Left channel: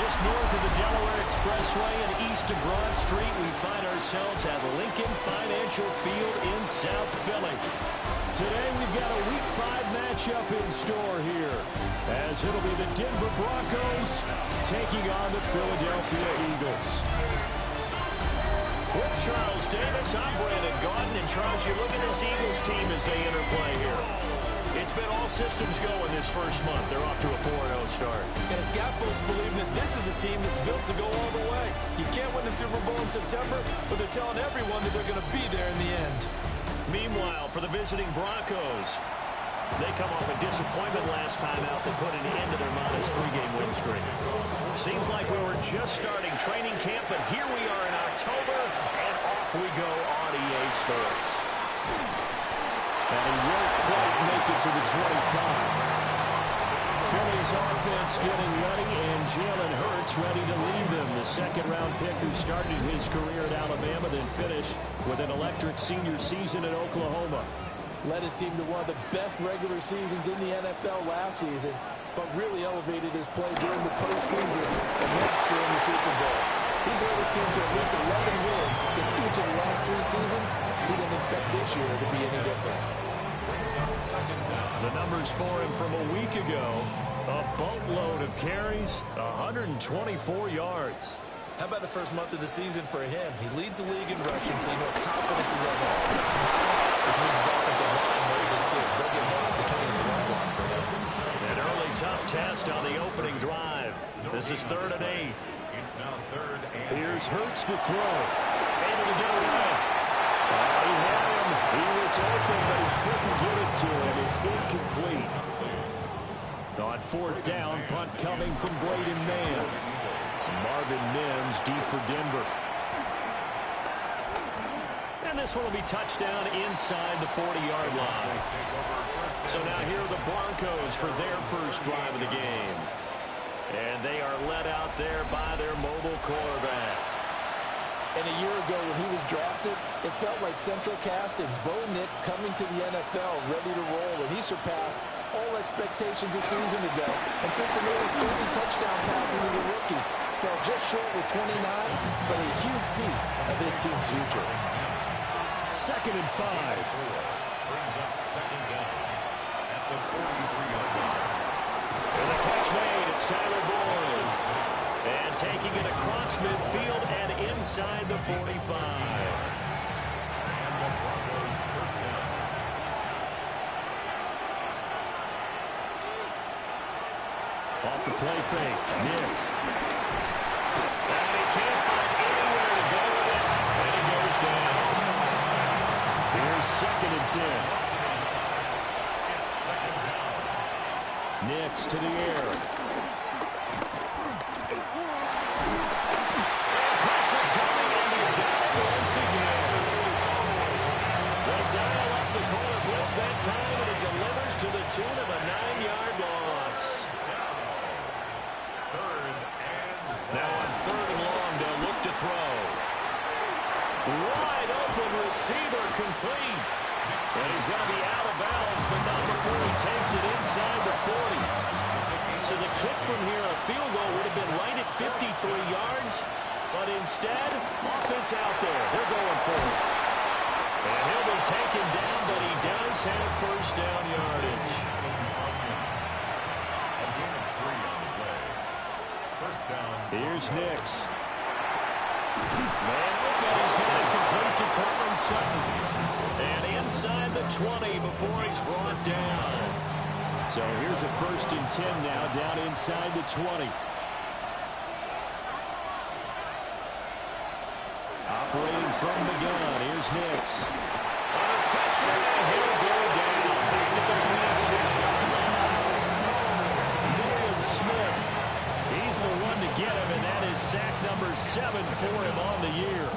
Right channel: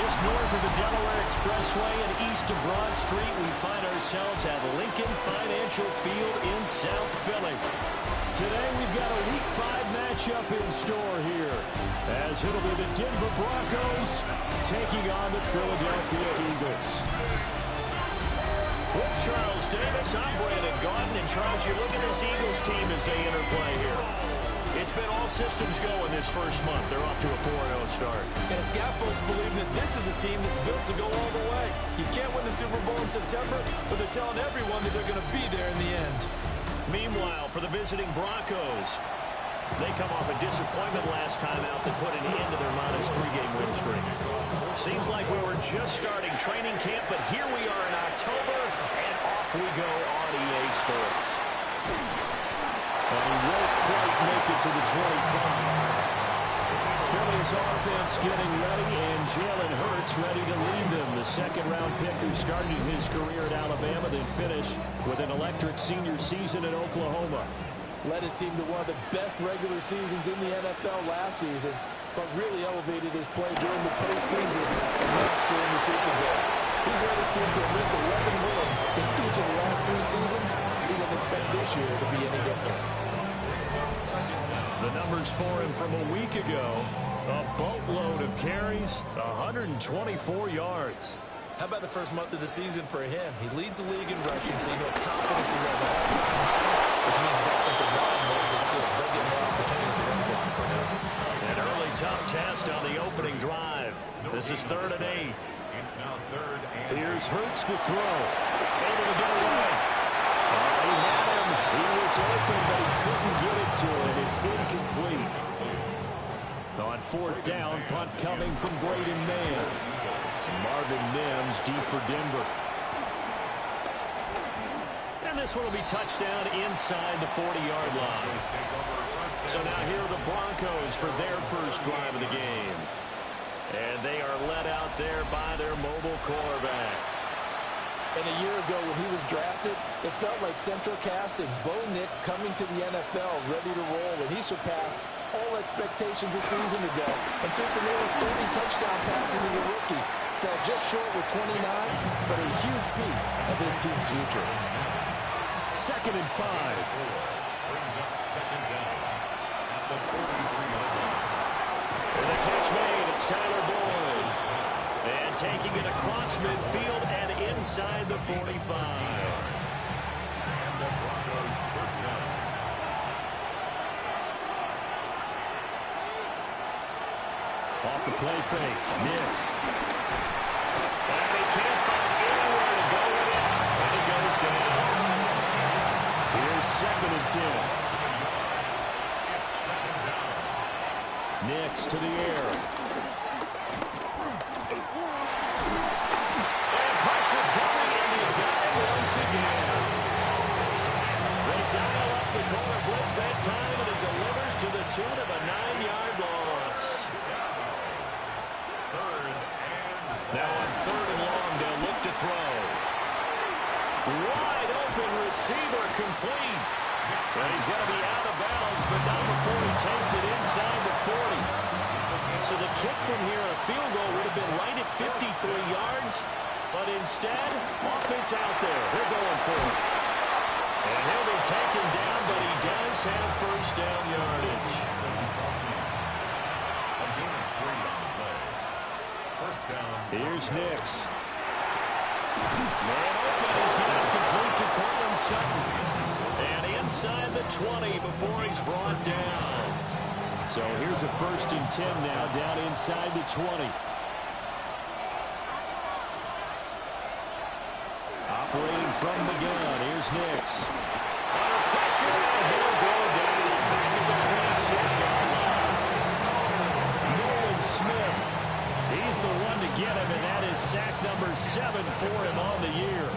Just north of the Delaware Expressway and east of Broad Street, we find ourselves at Lincoln Financial Field in South Philly. Today we've got a Week 5 matchup in store here, as it'll be the Denver Broncos taking on the Philadelphia Eagles. With Charles Davis, I'm Brandon Gaudin, and Charles, you look at this Eagles team as they interplay here. It's been all systems going this first month. They're off to a 4-0 start. And it's got folks believing that this is a team that's built to go all the way. You can't win the Super Bowl in September, but they're telling everyone that they're going to be there in the end. Meanwhile, for the visiting Broncos, they come off a disappointment last time out that put an end to their modest 3-game win streak. Seems like we were just starting training camp, but here we are in October, and off we go on EA Sports. And he won't quite make it to the 25. Philly's offense getting ready, and Jalen Hurts ready to lead them. The second-round pick who started his career at Alabama, then finished with an electric senior season at Oklahoma. Led his team to one of the best regular seasons in the NFL last season, but really elevated his play during the postseason and once during the Super Bowl. He's led his team to at least 11 wins in each of the last 3 seasons. We didn't expect this year to be any different. The numbers for him from a week ago, a boatload of carries, 124 yards. How about the first month of the season for him? He leads the league in rushing, so he knows confidence is at an all-time high, which means his offensive line knows it too. They'll get more opportunities to run block for him. An early tough test on the opening drive. This is 3rd and 8. It's now 3rd and 8. Here's Hurts to throw. Able to get away. Oh, he had him. He was open, but he couldn't get it to him. It's incomplete. On 4th down, punt coming from Braden Mann. Marvin Mims deep for Denver. And this one will be touchdown inside the 40-yard line. So now here are the Broncos for their first drive of the game. And they are led out there by their mobile quarterback. And a year ago when he was drafted, it felt like Central Cast and Bo Nix coming to the NFL ready to roll, and he surpassed all expectations a season ago and threw for nearly 30 touchdown passes as a rookie. Fell just short with 29, but a huge piece of his team's future. 2nd and 5. Brings up 2nd down at the 43-yard line. And the catch made. It's Tyler Boyd. And taking it across midfield and inside the 45. And the Broncos first down. Off the play fake. Nix. And he can't find anywhere to go with it. And he goes down. Here's 2nd and 10. It's 2nd down. Nix to the air. And pressure coming, and he got it once again. They dial up the corner blitz that time, and it delivers to the tune of a 9-yard loss. Now on 3rd and long, they'll look to throw. Wide open receiver complete. And he's going to be out of bounds, but not before he takes it inside the 40. So the kick from here, a field goal, would have been right at 53 yards. But instead, offense out there. They're going for it. And he'll be taken down, but he does have first down yardage. A gain of 3 on the play. First down. Here's Nix. Man open. He's got it complete to Cortland Sutton. And inside the 20 before he's brought down. So here's a 1st and 10 now down inside the 20. Operating from the gun. Here's Nix. Under pressure, and he'll go down back at the 26-yard line. Nolan Smith. He's the one to get him, and that is sack number 7 for him on the year.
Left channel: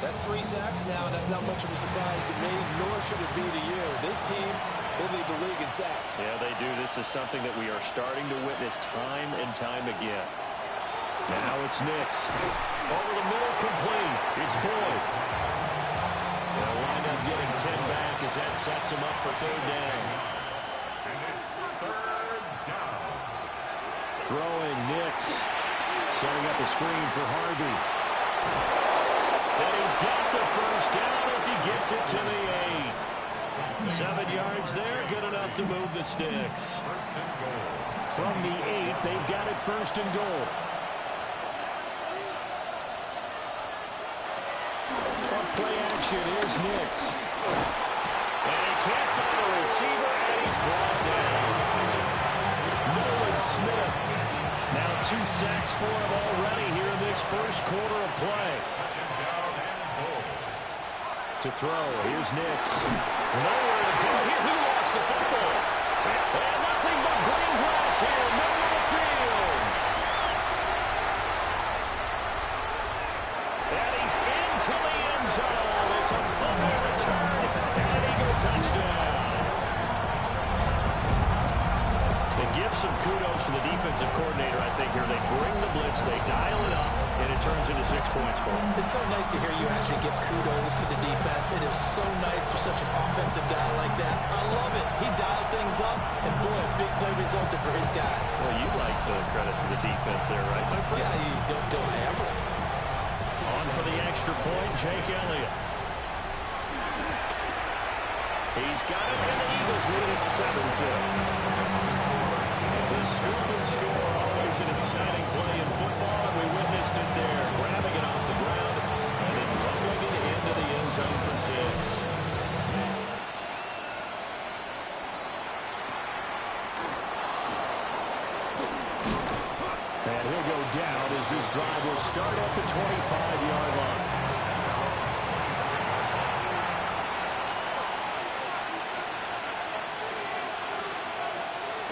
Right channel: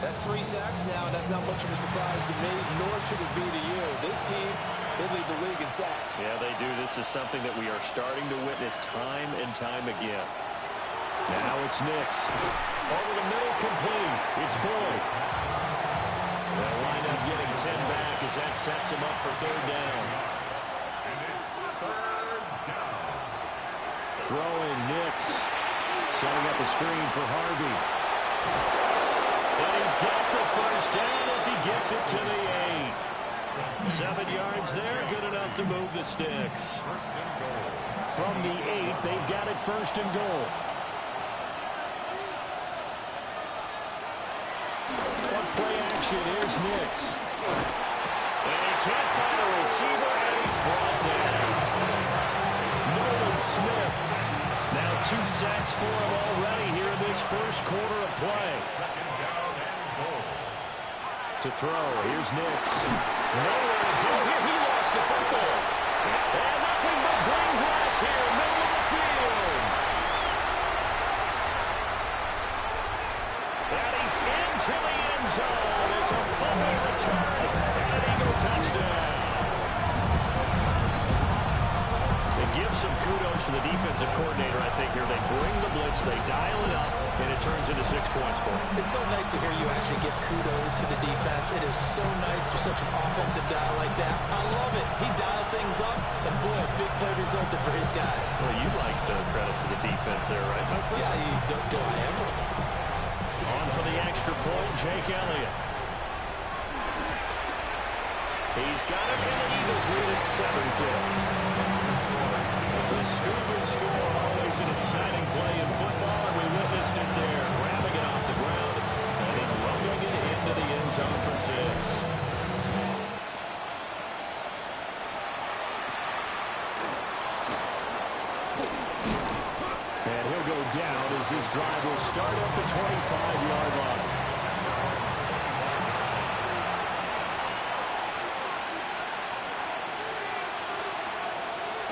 That's 3 sacks now, and that's not much of a surprise to me, nor should it be to you. This team, they lead the league in sacks. Yeah, they do. This is something that we are starting to witness time and time again. Now it's Nix. Over the middle, complete. It's Boyd. They'll wind up getting 10 back as that sets him up for 3rd down. And it's 3rd down. Throwing Nix. Setting up a screen for Harvey. And he's got the first down as he gets it to the 8. 7 yards there, good enough to move the sticks. First and goal. From the 8, they've got it first and goal. On play action, here's Nix. And he can't find a receiver, and he's brought down. Nolan Smith. Now 2 sacks for him already here in this first quarter of play. Second down and goal. To throw, here's Nix. Nowhere to go here. He lost the football. And nothing but green grass here, middle of the field. And he's into the end zone. It's a fumble return and an Eagle touchdown. They give some kudos to the defensive coordinator, I think, here. They bring the blitz, they dial it up, and it turns into 6 points for them. It's so nice to hear you actually give kudos to the defense. It is so nice you're such an offensive guy like that. I love it. He dialed things up, and boy, a big play resulted for his guys. Well, you like the credit to the defense there, right, my friend? Yeah, do I ever? On for the extra point, Jake Elliott. He's got it, and the Eagles lead at 7-0. The scoop and score, always an exciting play in football, and we witnessed it there. Grabbing it off the ground and then rumbling it into the end zone for 6. And he'll go down as this drive will start at the 25-yard line.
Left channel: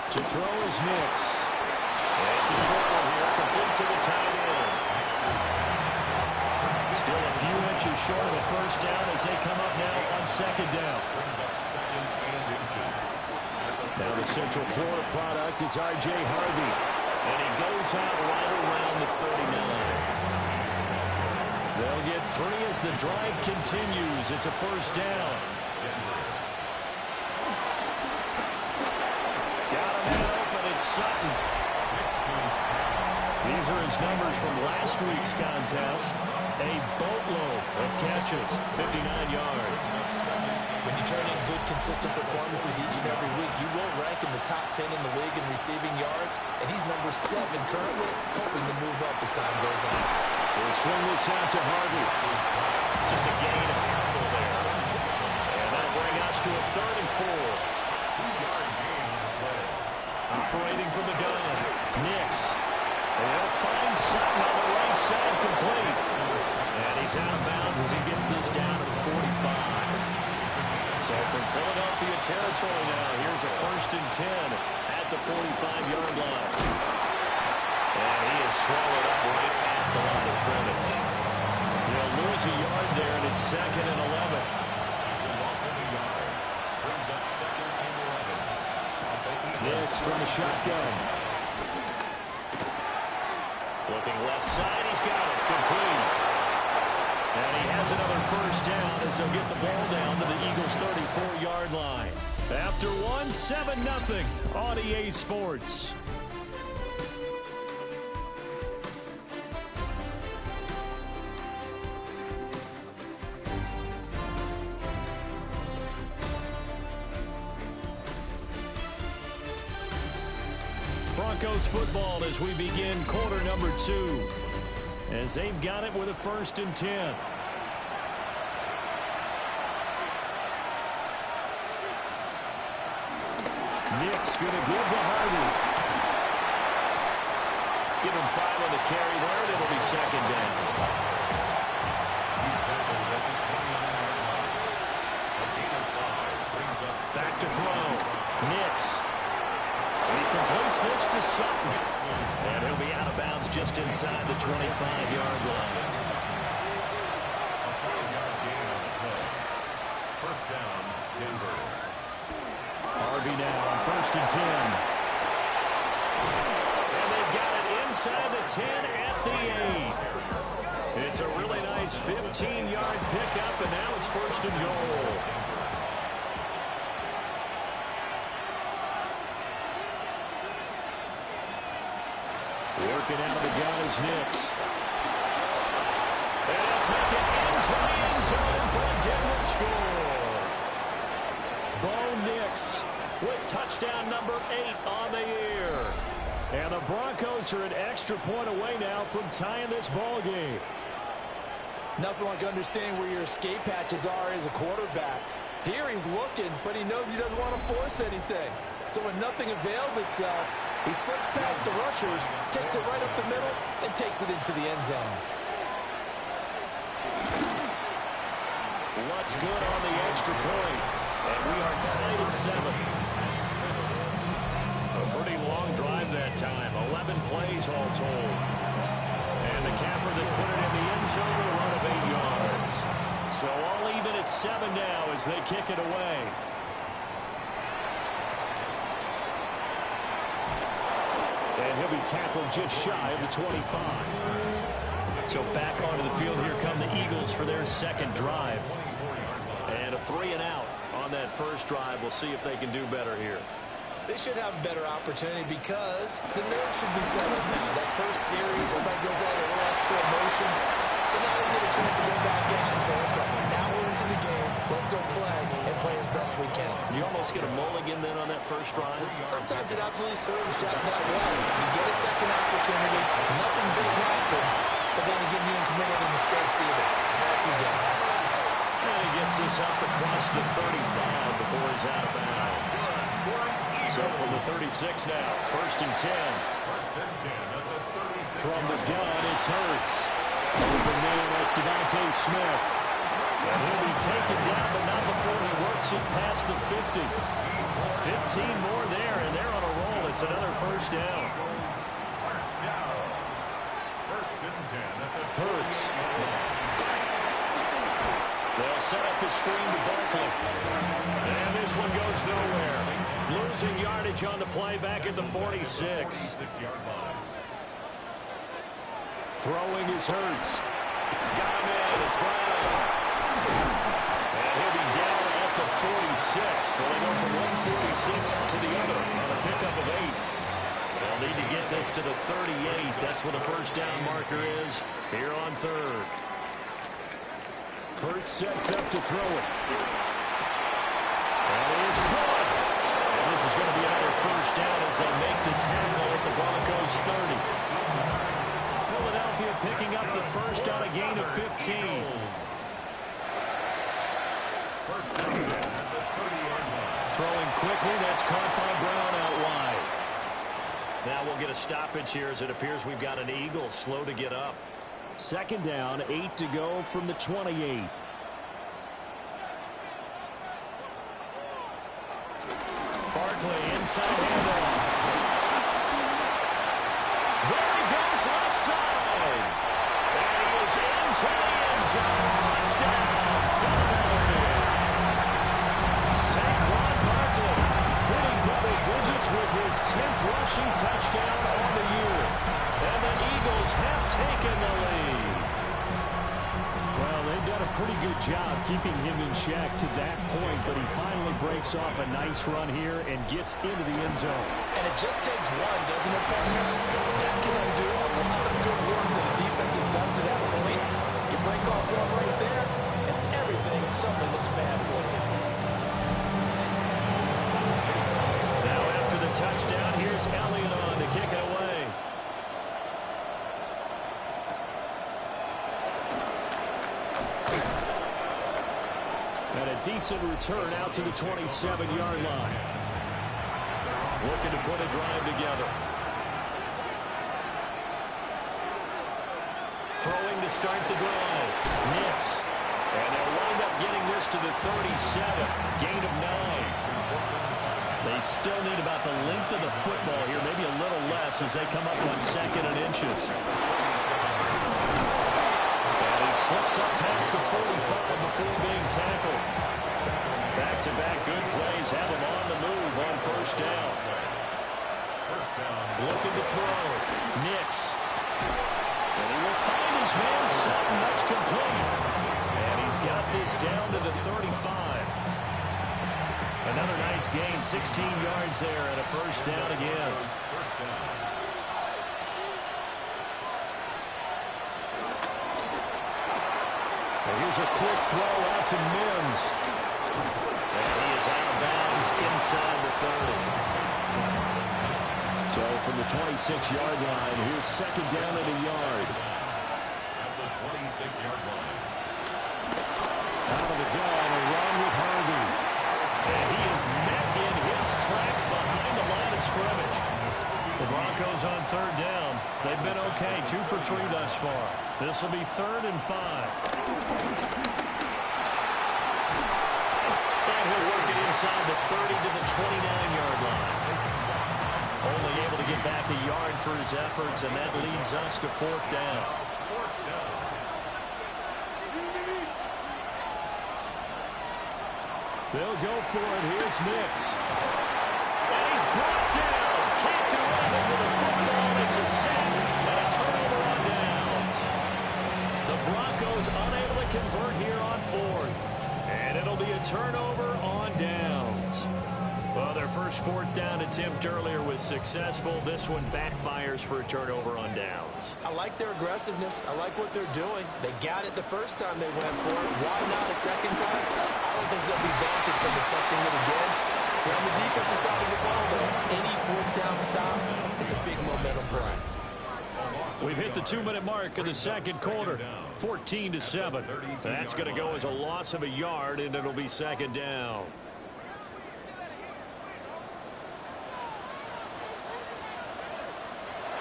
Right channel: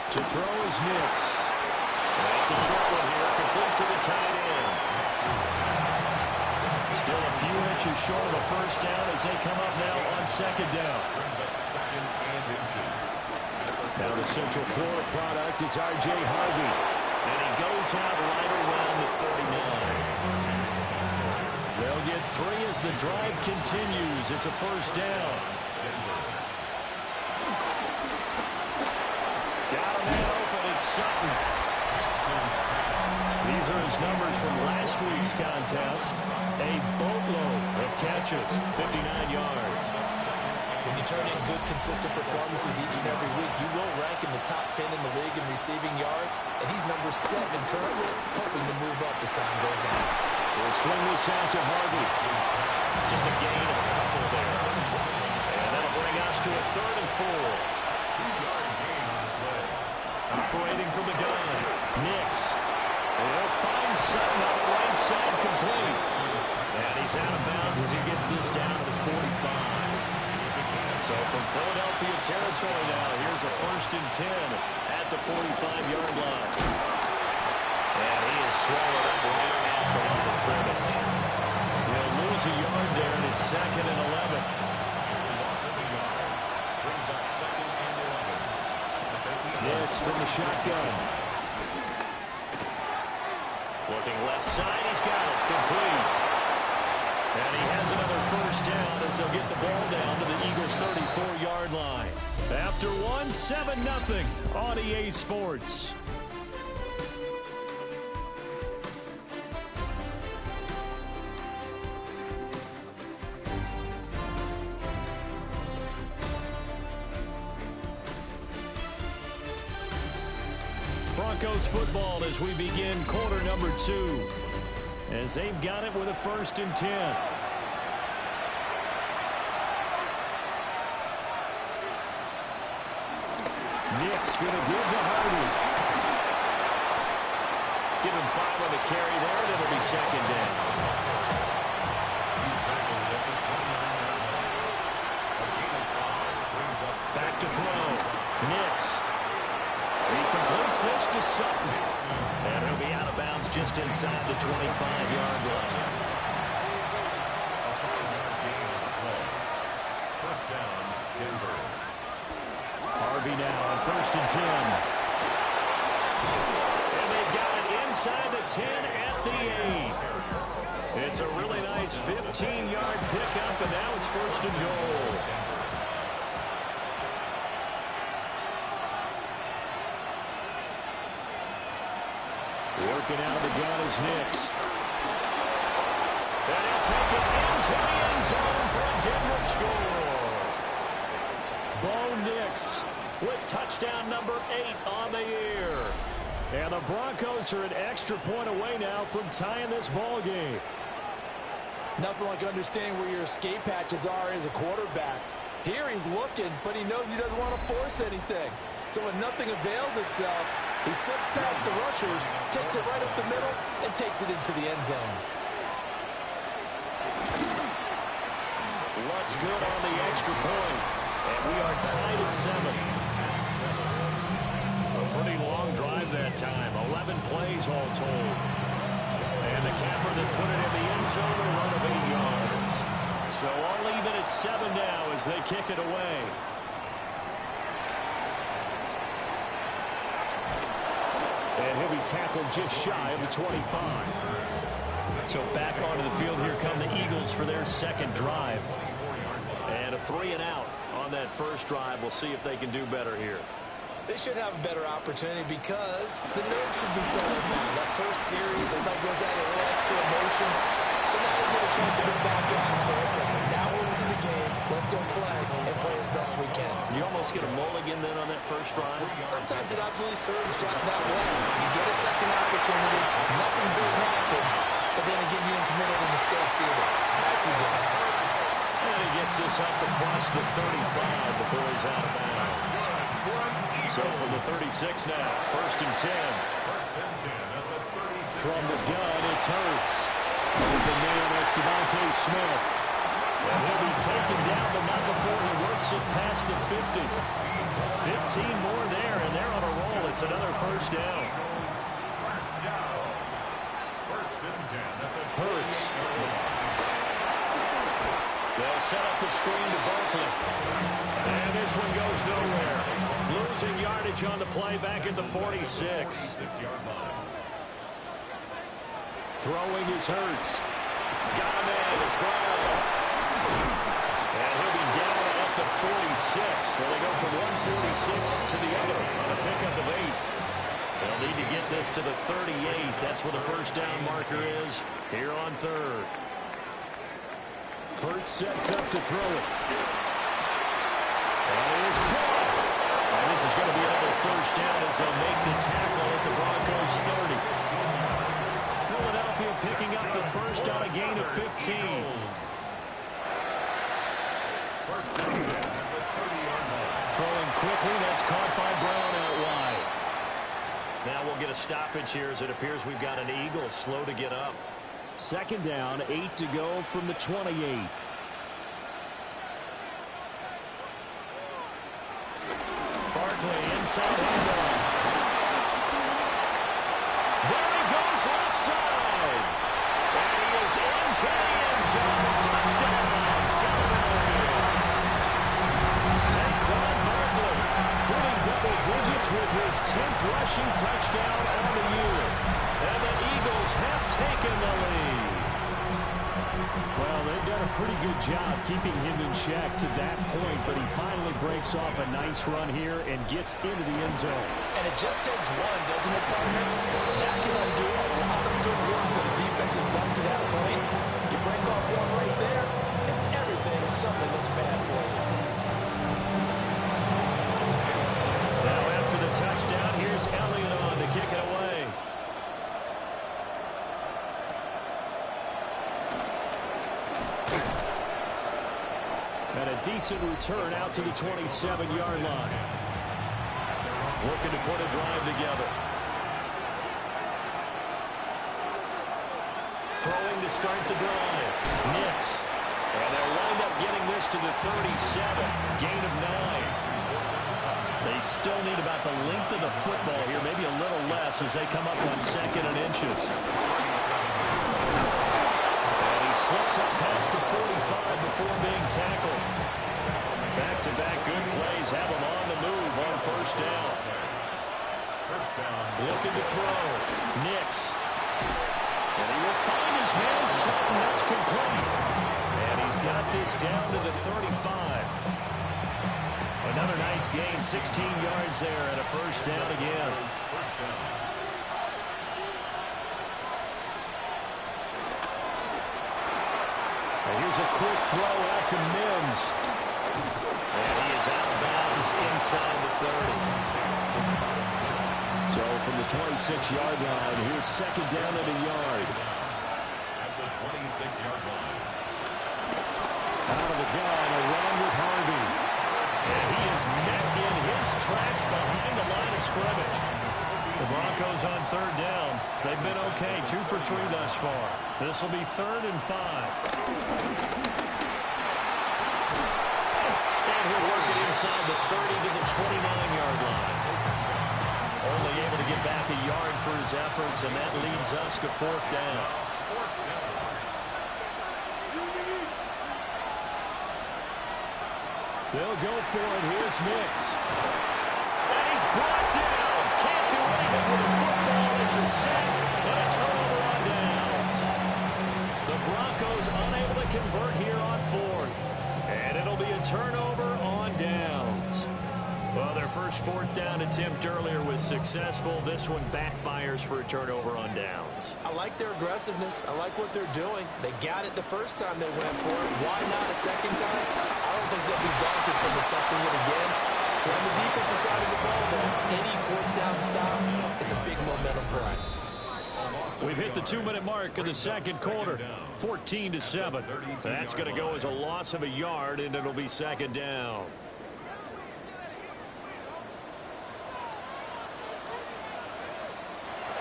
To throw is Nix. It's a short one here, complete to the tight end. Still a few inches short of a first down as they come up now on second down. Brings up 2nd and inches. Now the Central Florida product is R.J. Harvey. And he goes out right around the 39. They'll get 3 as the drive continues. It's a first down. Got a man open. It's Sutton. These are his numbers from last week's contest. A boatload of catches, 59 yards. When you turn in good, consistent performances each and every week, you will rank in the top 10 in the league in receiving yards, and he's number 7 currently, hoping to move up as time goes on. He'll swing this out to Harvey. Just a gain of a couple there. And that'll bring us to a 3rd and 4. 2-yard gain on the play. Operating from the gun, Nix. And he'll find Sutton on the right side, complete. And he's out of bounds as he gets this down to the 45. So from Philadelphia territory now, here's a 1st and 10 at the 45-yard line. And he is swallowed up right at the line of scrimmage. He'll lose a yard there, and it's 2nd and 11. It's a loss of a yard. Brings up 2nd and 11. Nix from the shotgun. Looking left side, he's got it, complete. And he has another first down as they'll get the ball down to the Eagles' 34-yard line. After one, 7-0 on EA Sports. Broncos football as we begin quarter number 2. As they've got it with a 1st and 10. Nick's going to give to Harvey. Give him 5 on the carry there, and it'll be 2nd down. He's tackled at the 29-yard line. A gain of 5 brings up Back to throw. Nix. He completes this to Sutton. And he'll be out of bounds just inside the 25-yard line. a 5-yard gain on the play. First down, Denver. Harvey now on 1st and 10. And they've got it inside the 10 at the 8. It's a really nice 15-yard pickup, and now it's 1st and goal. Looking out of the gun is Nix. And he'll take it into the end zone for a Denver score. Bo Nix with touchdown number 8 on the year. And the Broncos are an extra point away now from tying this ball game. Nothing like understanding where your escape hatches are as a quarterback. Here he's looking, but he knows he doesn't want to force anything. So when nothing avails itself, he slips past the rushers, takes it right up the middle, and takes it into the end zone. What's good on the extra point? And we are tied at 7. A pretty long drive that time. 11 plays all told. And the capper that put it in the end zone, a run of 8 yards. So all even at 7 now as they kick it away. And he'll be tackled just shy of the 25. So back onto the field, here come the Eagles for their second drive. And a 3 and out on that first drive. We'll see if they can do better here. They should have a better opportunity because the nerves should be settled now. That first series, everybody goes at it, a little extra emotion. So now they get a chance to go back out and say, okay, now we're into the game. Let's go play and play as best we can. You almost get a mulligan then on that first drive? Sometimes it absolutely serves that way. You get a second opportunity. Nothing big happened. But then again, you didn't commit any mistakes either. Back you go. And he gets this up across the 35 before he's out of bounds. So from the 36 now, 1st and 10. 1st and 10 at the 36. From the gun, it's Hurts. Open man, that's Devontae Smith. And he'll be taken down, but not before he works it past the 50. 15 more there, and they're on a roll. It's another first down. First down. 1st and 10 at the Hurts. They'll set up the screen to Barkley. And this one goes nowhere. Losing yardage on the play back at the 46. 46-yard line. Throwing is Hurts. Got him in. It's Brown. And he'll be down at the 46. So they go from 146 to the other on a pickup of 8. They'll need to get this to the 38. That's where the first down marker is here on 3rd. Hurts sets up to throw it. That is caught. And this is going to be another first down as they'll make the tackle at the Broncos 30. Philadelphia picking up the first on a gain of 15. First and 10 at the 30-yard line. Throwing quickly, that's caught by Brown out wide. Now we'll get a stoppage here as it appears we've got an Eagle slow to get up. 2nd down, 8 to go from the 28. Barkley inside handoff. There he goes left side. And he is into the end zone. Touchdown, Philadelphia. Saquon Barkley hitting double digits with his 10th rushing touchdown on the year. And the Eagles have taken the lead. Well, they've done a pretty good job keeping him in check to that point, but he finally breaks off a nice run here and gets into the end zone. And it just takes one, doesn't it, partner? That can undo a lot of good work that the defense has done to that point. You break off one right there, and everything suddenly looks bad for you. Now after the touchdown, here's Elliott on to kick it away. And a decent return out to the 27-yard line. Looking to put a drive together. Throwing to start the drive. Nix. And they'll wind up getting this to the 37. Gain of 9. They still need about the length of the football here, maybe a little less as they come up on 2nd and inches. And he slips up past the 45 before being tackled. Back-to-back good plays have him on the move on 1st down. First down. Looking to throw. Nix. And he will find his man Sutton. That's complete. And he's got this down to the 35. Another nice gain, 16 yards there, and a first down again. First down. And here's a quick throw out to Mims. And he is out of bounds inside the 30. So from the 26-yard line, here's second down and a yard. At the 26-yard line. Out of the gun, a run with Harvey. And he is met in his tracks behind the line of scrimmage. The Broncos on third down. They've been okay, 2 for 3 thus far. This will be 3rd and 5. And he'll work it inside the 30 to the 29-yard line. Only able to get back a yard for his efforts, and that leads us to 4th down. They'll go for it. Here's Nix. And he's brought down. Can't do anything with the football. It's a sack and a turnover on downs. The Broncos unable to convert here on 4th. And it'll be a turnover on downs. Well, their first 4th down attempt earlier was successful. This one backfires for a turnover on downs. I like their aggressiveness. I like what they're doing. They got it the first time they went for it. Why not a second time? I don't think they'll be daunted from attempting it again. If you're on the defensive side of the ball, though, any 4th down stop is a big momentum play. We've hit the 2-minute mark in the second quarter. 14-7. That's going to go as a loss of a yard, and it'll be second down.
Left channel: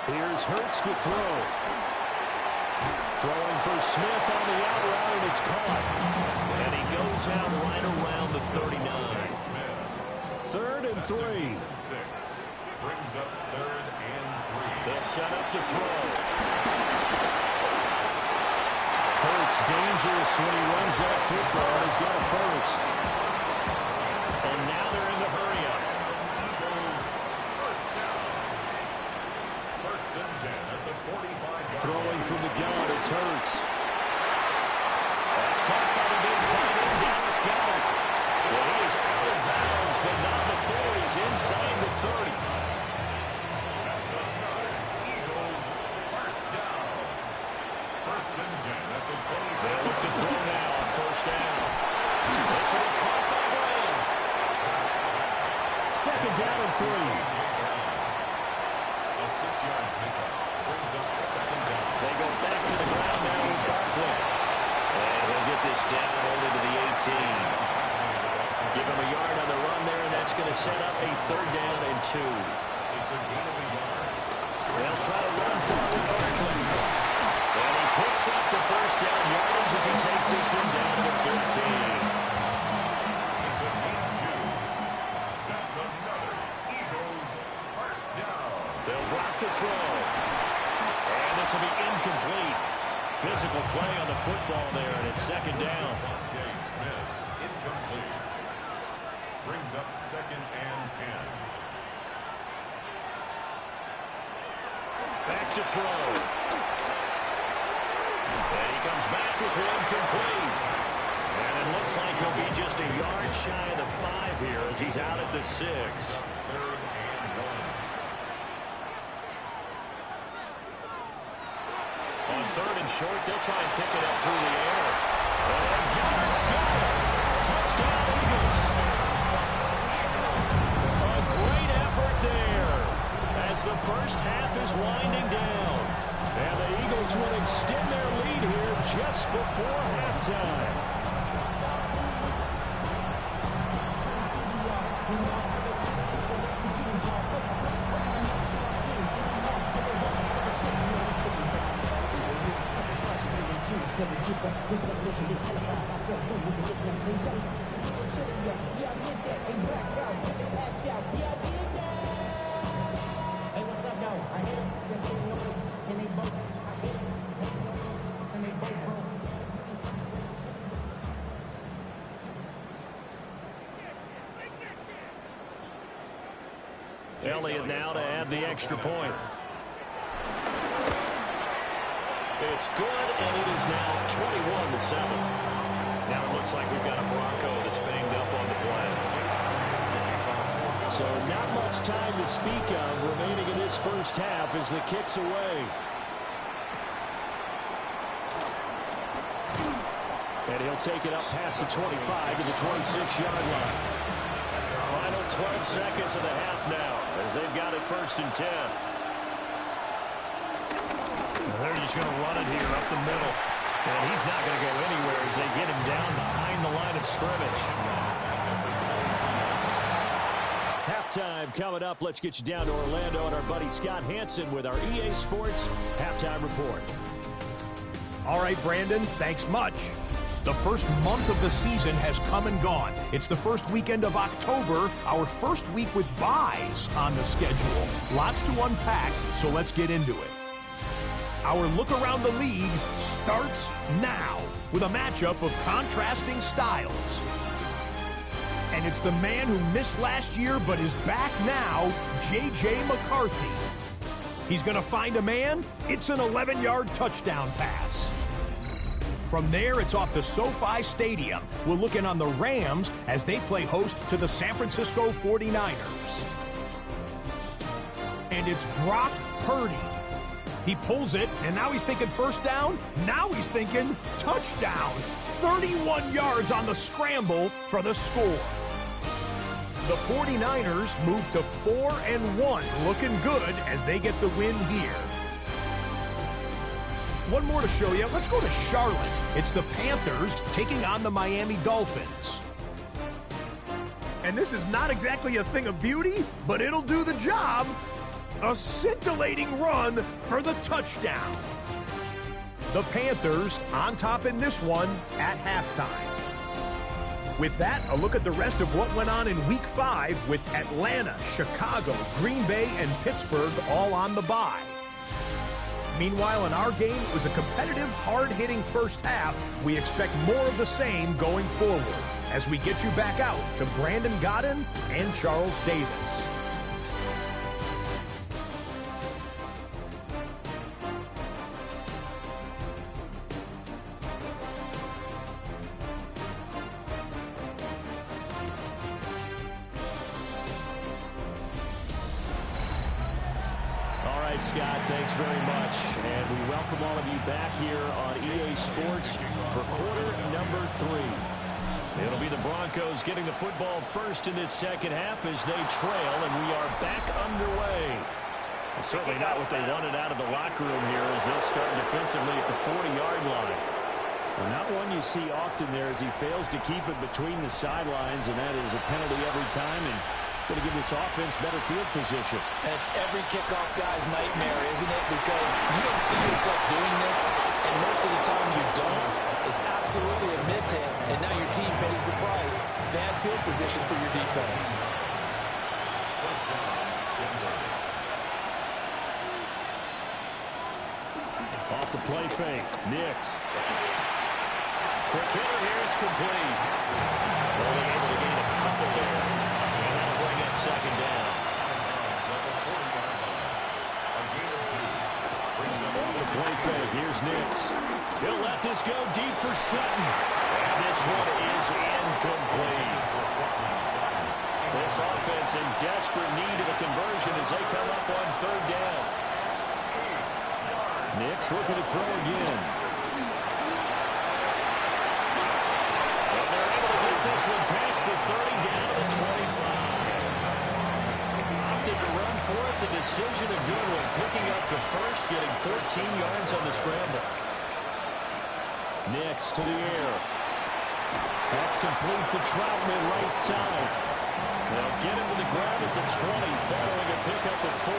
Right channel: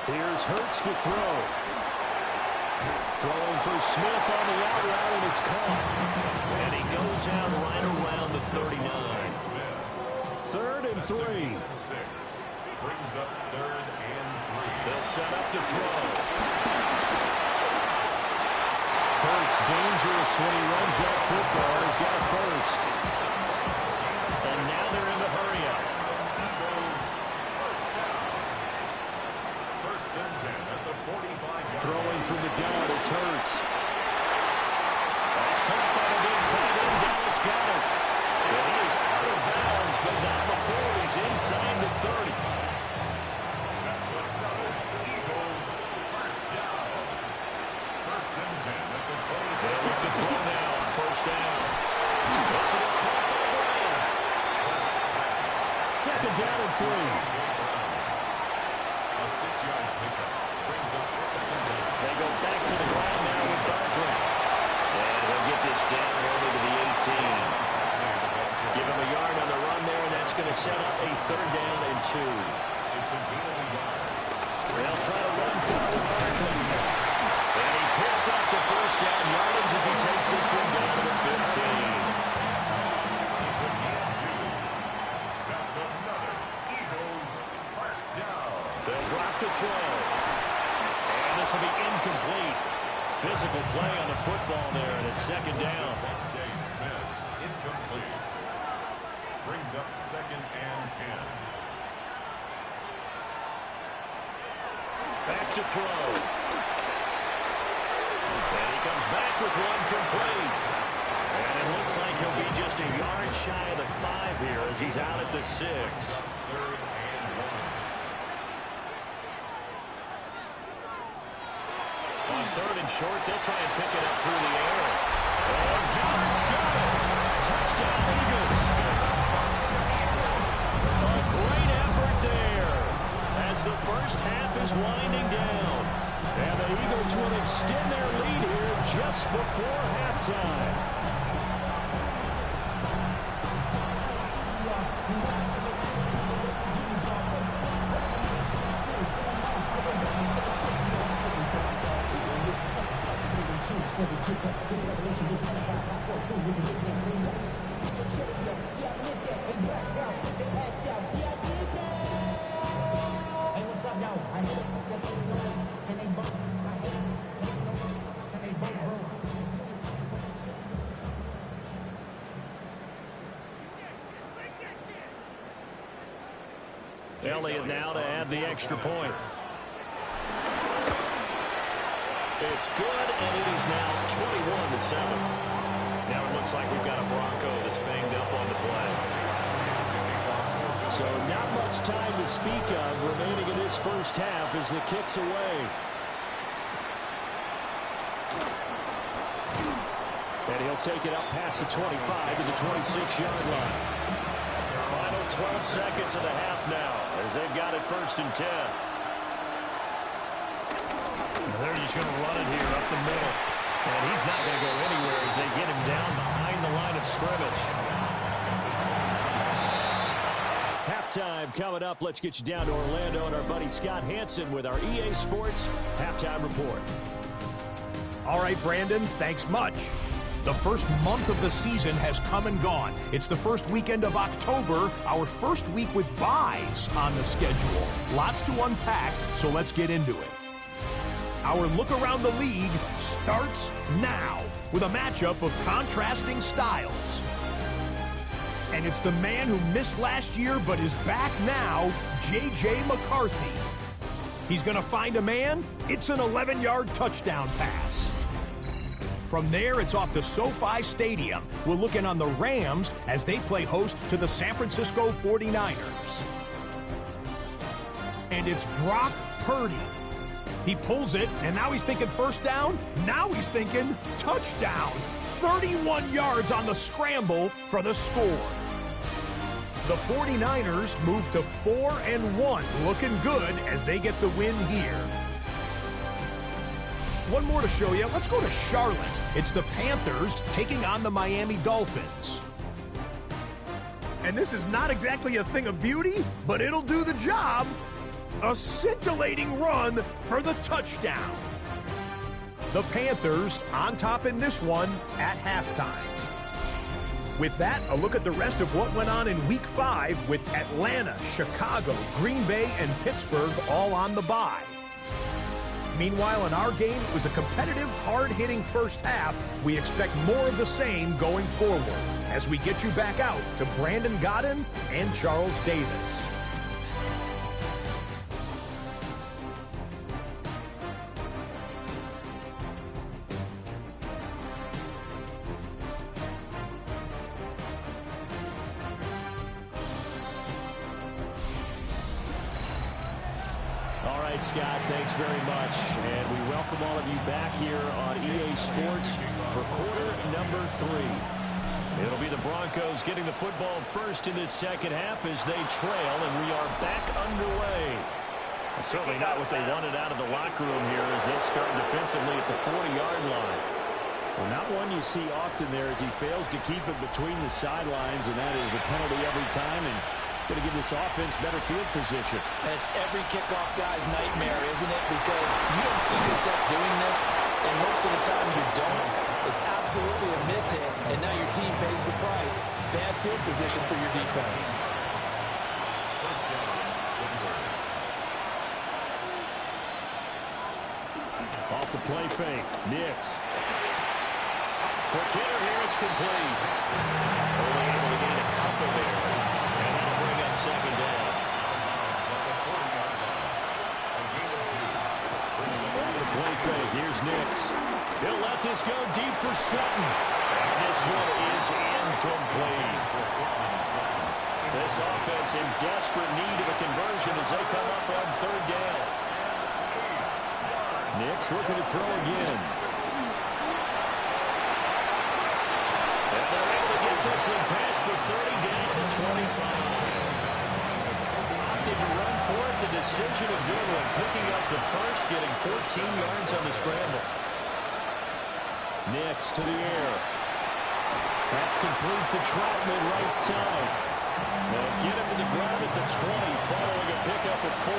Here's Hurts to throw. Throwing for Smith on the out route, and it's caught. And he goes out right around the 39. 3rd and 3. Brings up 3rd and 3. They'll set up to throw. Hurts dangerous when he runs that football. He's got a first. And now they're in the hurry up. Eagles first down. 1st and 10 at the 45-yard Throwing line. from the gun, it's Hurts. That's caught by the big tight end, Dallas Goedert. And he is out of bounds, but not before he's inside the 30. That's another Eagles first down. 1st and 10 at the 26. They'll look to throw now on 1st down. This will be caught by Brown. 2nd down and 3. A 6-yard pickup brings up 2nd down. They go back to the ground now with Barkley. And he'll get this down only to the 18. Give him a yard on the run there, and that's going to set up a 3rd down and 2. It's a gain of a yard. They'll try to run for it with Barkley. And he picks up the 1st down yardage as he takes this one down to the 15. It's a gain of 2. That's another Eagles first down. They'll drop to throw. And this will be incomplete. Physical play on the football there, and it's 2nd down. Smith, incomplete. Brings up 2nd and 10. Back to throw. And he comes back with one complete. And it looks like he'll be just a yard shy of the 5 here as he's out at the 6. 3rd and 1. On 3rd and short, they'll try and pick it up through the air. And Goedert's got it. Touchdown, Eagles. A great effort there as the first half is winding down. And the Eagles will extend their lead here just before halftime. Hey, what's up, though? I hit him. That's what you know. Can they both? I hate him. Hating on him. Can they both, bro? Elliott now to add the extra point. It's good, and it is now 21-7. Now it looks like we've got a Bronco that's banged up on the play. So not much time to speak of remaining in this first half as the kick's away. And he'll take it up past the 25 to the 26-yard line. Final 12 seconds of the half now as they've got it 1st and 10. They're just going to run it here up the middle. And he's not going to go anywhere as they get him down behind the line of scrimmage. Halftime coming up. Let's get you down to Orlando and our buddy Scott Hansen with our EA Sports Halftime Report. All right, Brandon, thanks much. The first month of the season has come and gone. It's the first weekend of October, our first week with byes on the schedule. Lots to unpack, so let's get into it. Our look around the league starts now with a matchup of contrasting styles. And it's the man who missed last year but is back now, J.J. McCarthy. He's going to find a man. It's an 11-yard touchdown pass. From there, it's off to SoFi Stadium. We're looking on the Rams as they play host to the San Francisco 49ers. And it's Brock Purdy. He pulls it, and now he's thinking first down. Now he's thinking touchdown. 31 yards on the scramble for the score. The 49ers move to 4-1, looking good as they get the win here. One more to show you. Let's go to Charlotte. It's the Panthers taking on the Miami Dolphins. And this is not exactly a thing of beauty, but it'll do the job. A scintillating run for the touchdown. The Panthers on top in this one at halftime. With that, a look at the rest of what went on in Week 5 with Atlanta, Chicago, Green Bay, and Pittsburgh all on the bye. Meanwhile, in our game, it was a competitive, hard-hitting first half. We expect more of the same going forward as we get you back out to Brandon Godden and Charles Davis. Scott, thanks very much. And we welcome all of you back here on EA Sports for quarter number 3. It'll be the Broncos getting the football first in this second half as they trail, and we are back underway. And certainly not what they wanted out of the locker room here as they'll start defensively at the 40-yard line. Well, not one you see often there as he fails to keep it between the sidelines, and that is a penalty every time. And going to give this offense better field position. And it's every kickoff guy's nightmare, isn't it? Because you don't see yourself doing this, and most of the time you don't. It's absolutely a mishit, and now your team pays the price. Bad field position for your defense. Off the play fake, Nix. Quick hitter here, it's complete. Only able to gain a couple there. And that'll bring up second down. Off the play fake, here's Nix. He'll let this go deep for Sutton. And this one is incomplete. This offense in desperate need of a conversion as they come up on third down. Nix looking to throw again. And they're able to get this one past the 30 down to the 25. Opted to run for it. The decision a good one. Picking up the first, getting 14 yards on the scramble. Nix to the air. That's complete to Troutman right side. They'll get him to the ground at the 20 following a pickup of 4.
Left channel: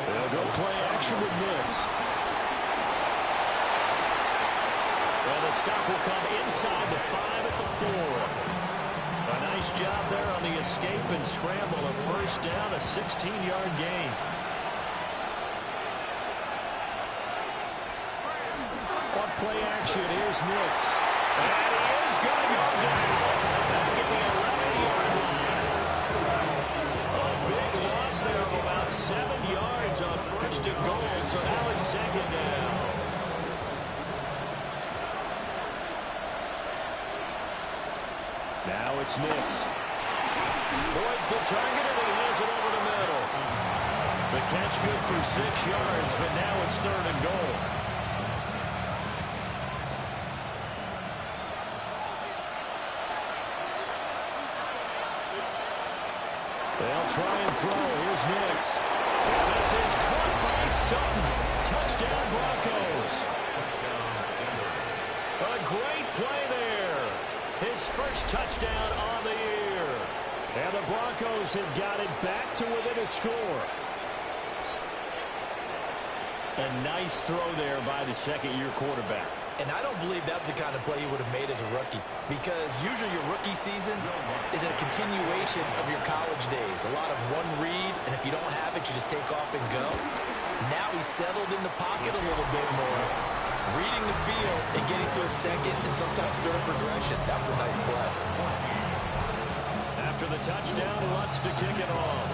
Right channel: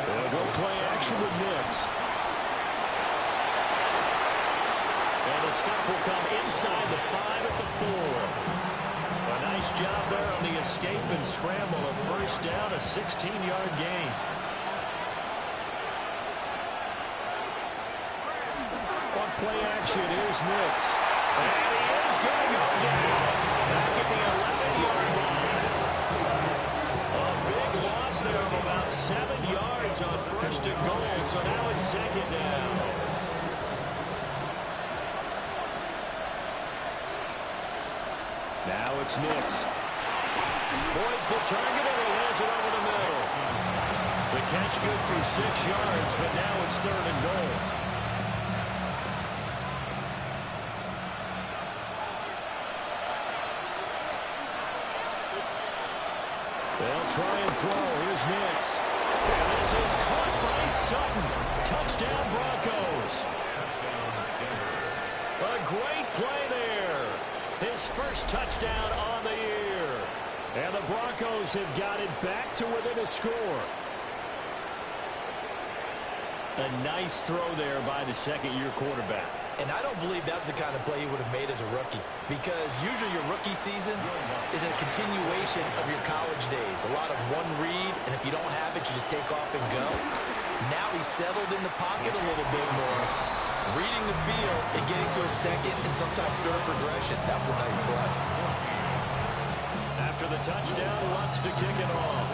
They'll go play action with Nix. And the stop will come inside the 5 at the 4. A nice job there on the escape and scramble. A first down, a 16-yard gain. On play action, here's Nix. And he is going to go down. Back at the 11-yard line. A big loss there of about 7 yards on first and goal. So now it's second down. Now it's Nix. Boyd's the target, and he has it over the middle. The catch good for 6 yards, but now it's third and goal. try and throw. Here's Nix. And this is caught by Sutton. Touchdown, Broncos. Touchdown, Denver. A great play there. His first touchdown on the year. And the Broncos have got it back to within a score. A nice throw there by the second-year quarterback. And I don't believe that was the kind of play he would have made as a rookie, because usually your rookie season is a continuation of your college days. A lot of one read, and if you don't have it, you just take off and go. Now he's settled in the pocket a little bit more, reading the field and getting to a second and sometimes third progression. That was a nice play. After the touchdown, Lutz to kick it off.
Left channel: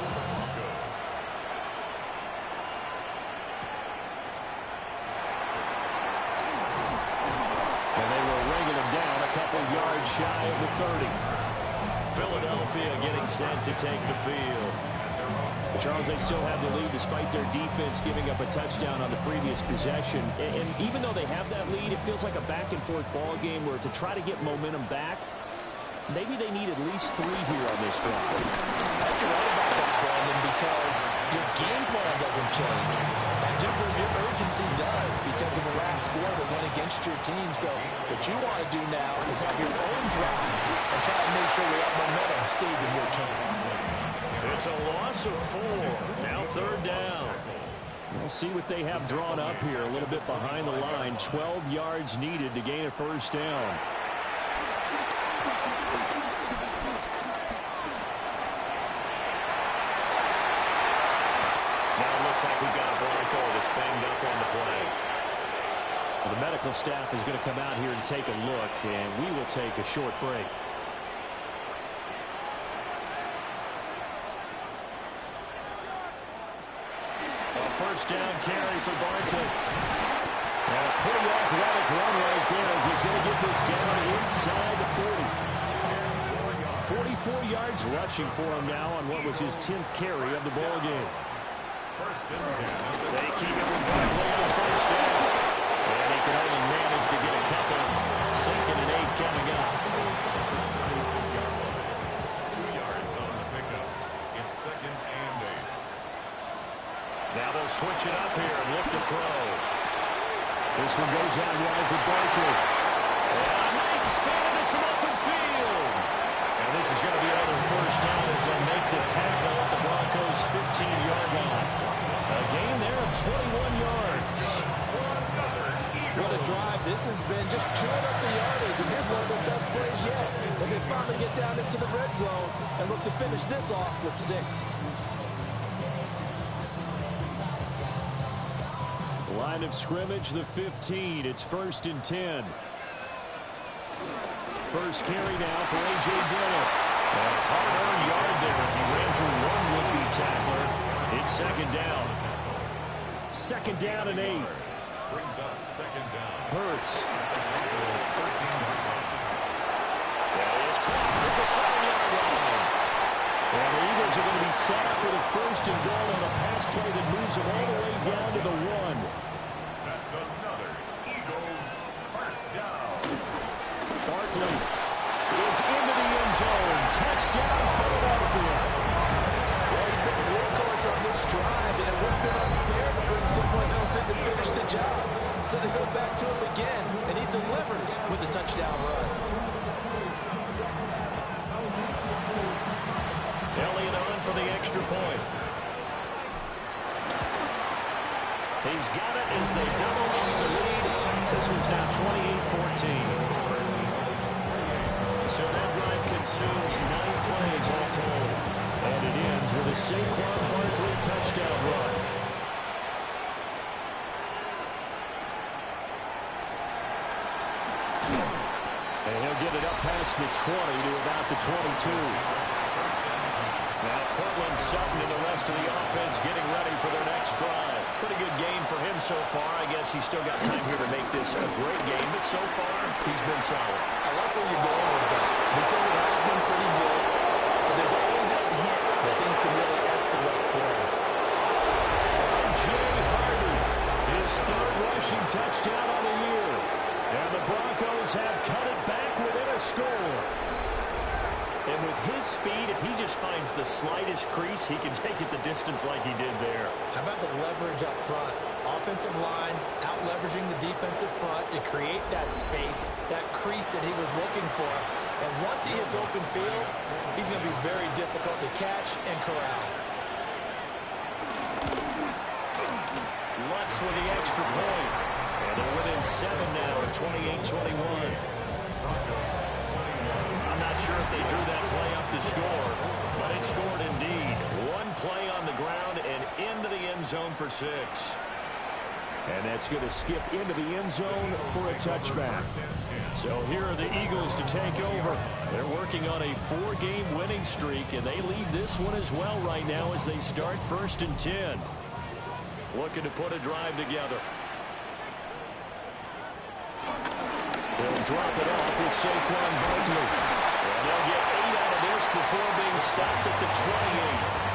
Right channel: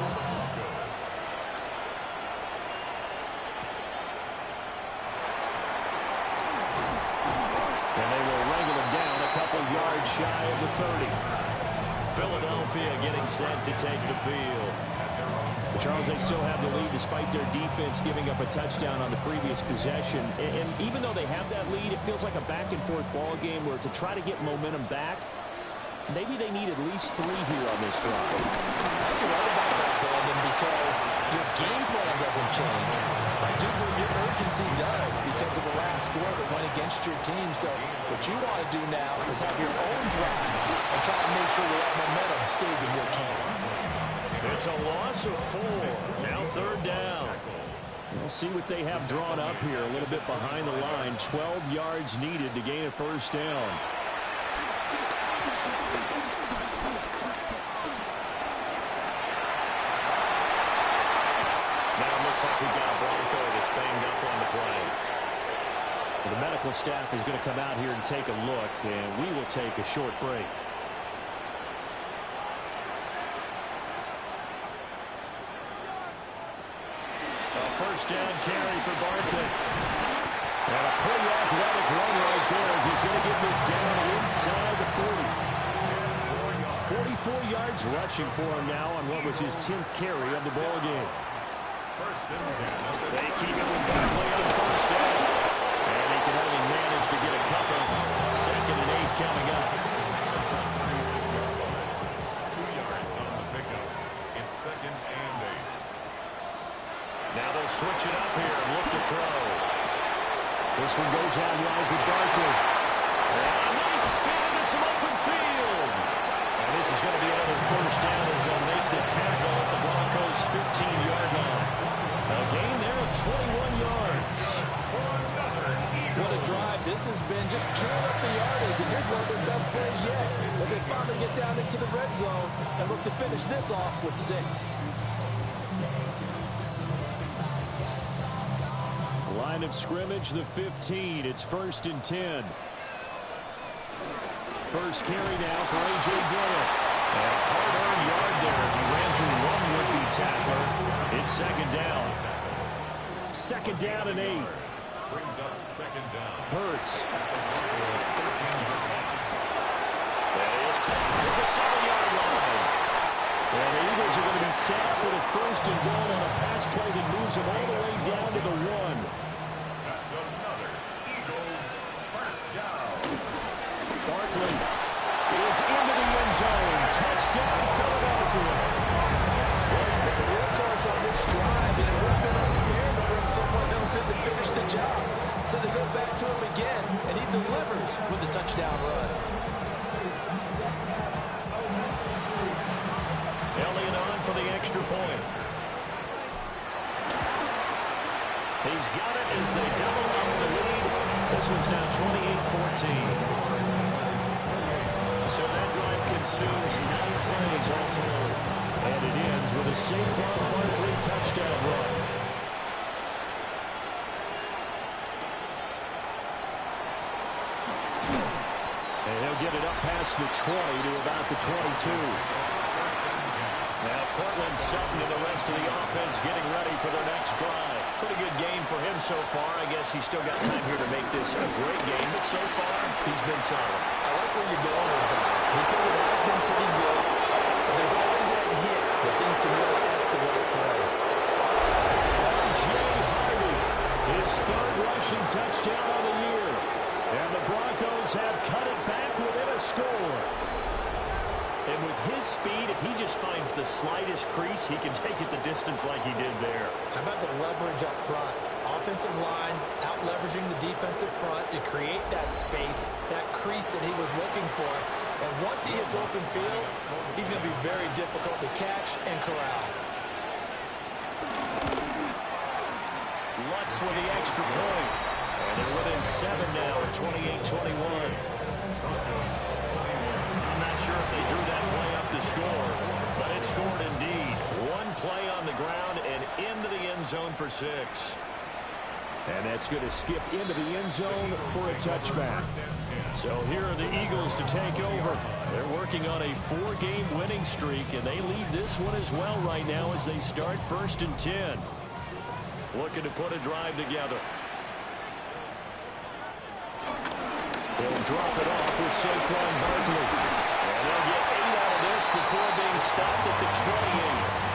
And they will wrangle him down a couple yards shy of the 30. Philadelphia getting set to take the field. Charles, they still have the lead despite their defense giving up a touchdown on the previous possession. And even though they have that lead, it feels like a back-and-forth ball game where to try to get momentum back, maybe they need at least 3 here on this drive. I think you're right about that, Brandon, because your game plan doesn't change. I do believe your urgency does because of the last score that went against your team. So what you want to do now is have your own drive and try to make sure that momentum stays in your camp. It's a loss of 4. Now 3rd down. We'll see what they have drawn up here. A little bit behind the line. 12 yards needed to gain a 1st down. Now it looks like we've got a Bronco that's banged up on the play. Well, the medical staff is going to come out here and take a look, and we will take a short break. A 1st down carry for Barkley. And a pretty athletic run right there as he's going to get this down inside the 40. 44 yards rushing for him now on what was his 10th carry of the ball game. 1st and 10. They keep it with Barkley on 1st down. And he can only manage to get a couple. 2nd and 8 coming up. 36-yard line. 2 yards on the pickup. It's 2nd and 8. Now they'll switch it up here and look to throw. This one goes out wide for Barkley. And a nice spin into some open field. And this is going to be another 1st down as they'll make the tackle at the Broncos' 15-yard line. A gain there of 21 yards. What a drive this has been, just chewing up the yardage. And here's one of their best plays yet as they finally get down into the red zone and look to finish this off with 6. Line of scrimmage, the 15. It's 1st and 10. First carry now for A.J. Dillon. And a hard-earned yard there as he ran through one would-be tackler. It's 2nd down. 2nd down and 8. Brings up 2nd down. Hurts. 13-yard line. That is caught at the 7-yard line. And the Eagles are going to be set up with a 1st and goal on a pass play that moves them all the way down to the 1. That's another Eagles 1st down. Barkley is into the end zone. Touchdown, Philadelphia. Well, he's been the workhorse on this drive, and it would have been unfair to bring someone else in to finish the job. So they go back to him again, and he delivers with a touchdown run. Elliott on for the extra point. He's got it as they double up the lead. This one's now 28-14. So that drive consumes 9 plays all told. And it ends with a Saquon Barkley touchdown run. And he'll get it up past the 20 to about the 22. Now Cortland Sutton and the rest of the offense getting ready for their next drive. Pretty good game for him so far. I guess he's still got time here to make this a great game, but so far he's been solid. I like where you're going with that because it has been pretty good, but there's always that hint that things can really escalate for him. R.J. Harvey, his 3rd rushing touchdown on the year. And the Broncos have cut it back within a score. And with his speed, if he just finds the slightest crease, he can take it the distance like he did there. How about the leverage up front? Offensive line out leveraging the defensive front to create that space, that crease that he was looking for. And once he hits open field, he's going to be very difficult to catch and corral. Lutz with the extra point. And they're within 7 now at 28-21. I'm not sure if they drew that play up to score, but it scored indeed. One play on the ground and into the end zone for 6. And that's going to skip into the end zone for a touchback. So here are the Eagles to take over. They're working on a 4-game winning streak, and they lead this one as well right now as they start 1st and 10. Looking to put a drive together. They'll drop it off with Saquon Barkley. And they'll get 8 out of this before being stopped at the 28.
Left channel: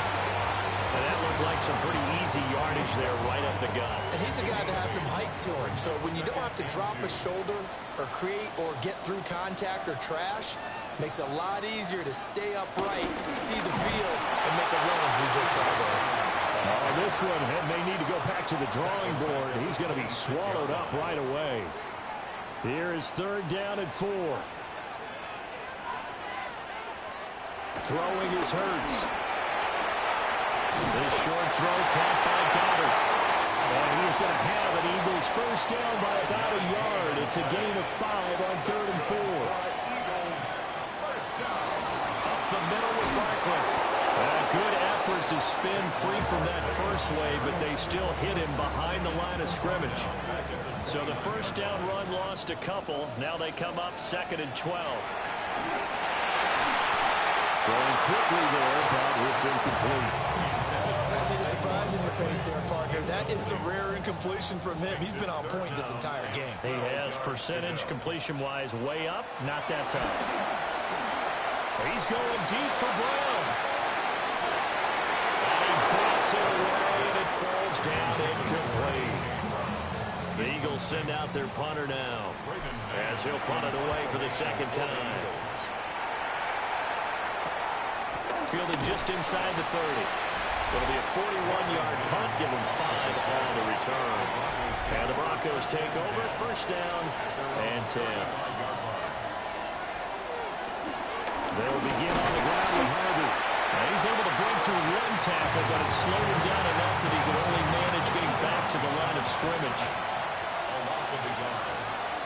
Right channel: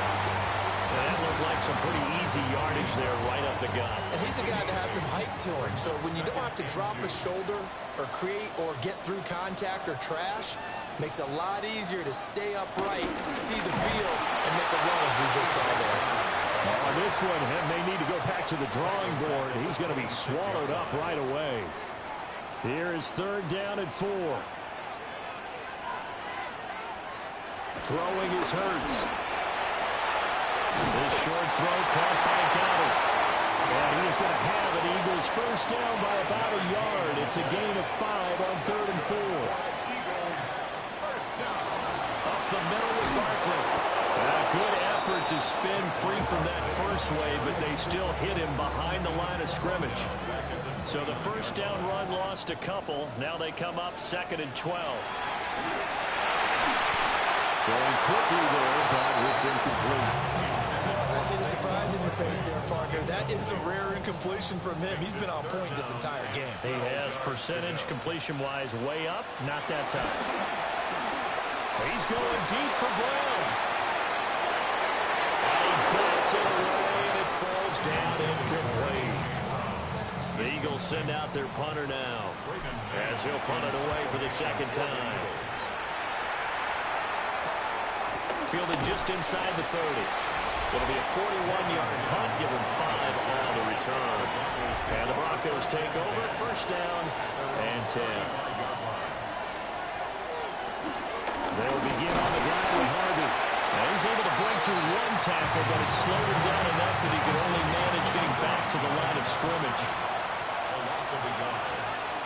And that looked like some pretty easy yardage there right up the gut. And he's a guy that has some height to him. So when you don't have to drop a shoulder or create or get through contact or trash, makes it a lot easier to stay upright, see the field, and make a run as we just saw there. On this one, may need to go back to the drawing board. He's going to be swallowed up right away. Here is 3rd down and 4. Throwing is Hurts. This short throw caught by Goddard. And he is going to have an Eagles first down by about a yard. It's a gain of 5 on 3rd and 4. Eagles first down. Up the middle with Barkley. A good effort to spin free from that first wave, but they still hit him behind the line of scrimmage. So the first down run lost a couple. Now they come up 2nd and 12. Going quickly there, but it's incomplete. I see the surprise in your face there, partner. That is a rare incompletion from him. He's been on point this entire game. He has percentage completion-wise way up. Not that time. He's going deep for Brown. And he bats it away, and it falls down incomplete. The Eagles send out their punter now as he'll punt it away for the 2nd time. Fielded just inside the 30. It'll be a 41-yard punt, give him 5 on the return. And the Broncos take over, 1st down and 10. They'll begin on the ground with Harvey. Now he's able to break through 1 tackle, but it slowed him down enough that he could only manage getting back to the line of scrimmage. A loss of a yard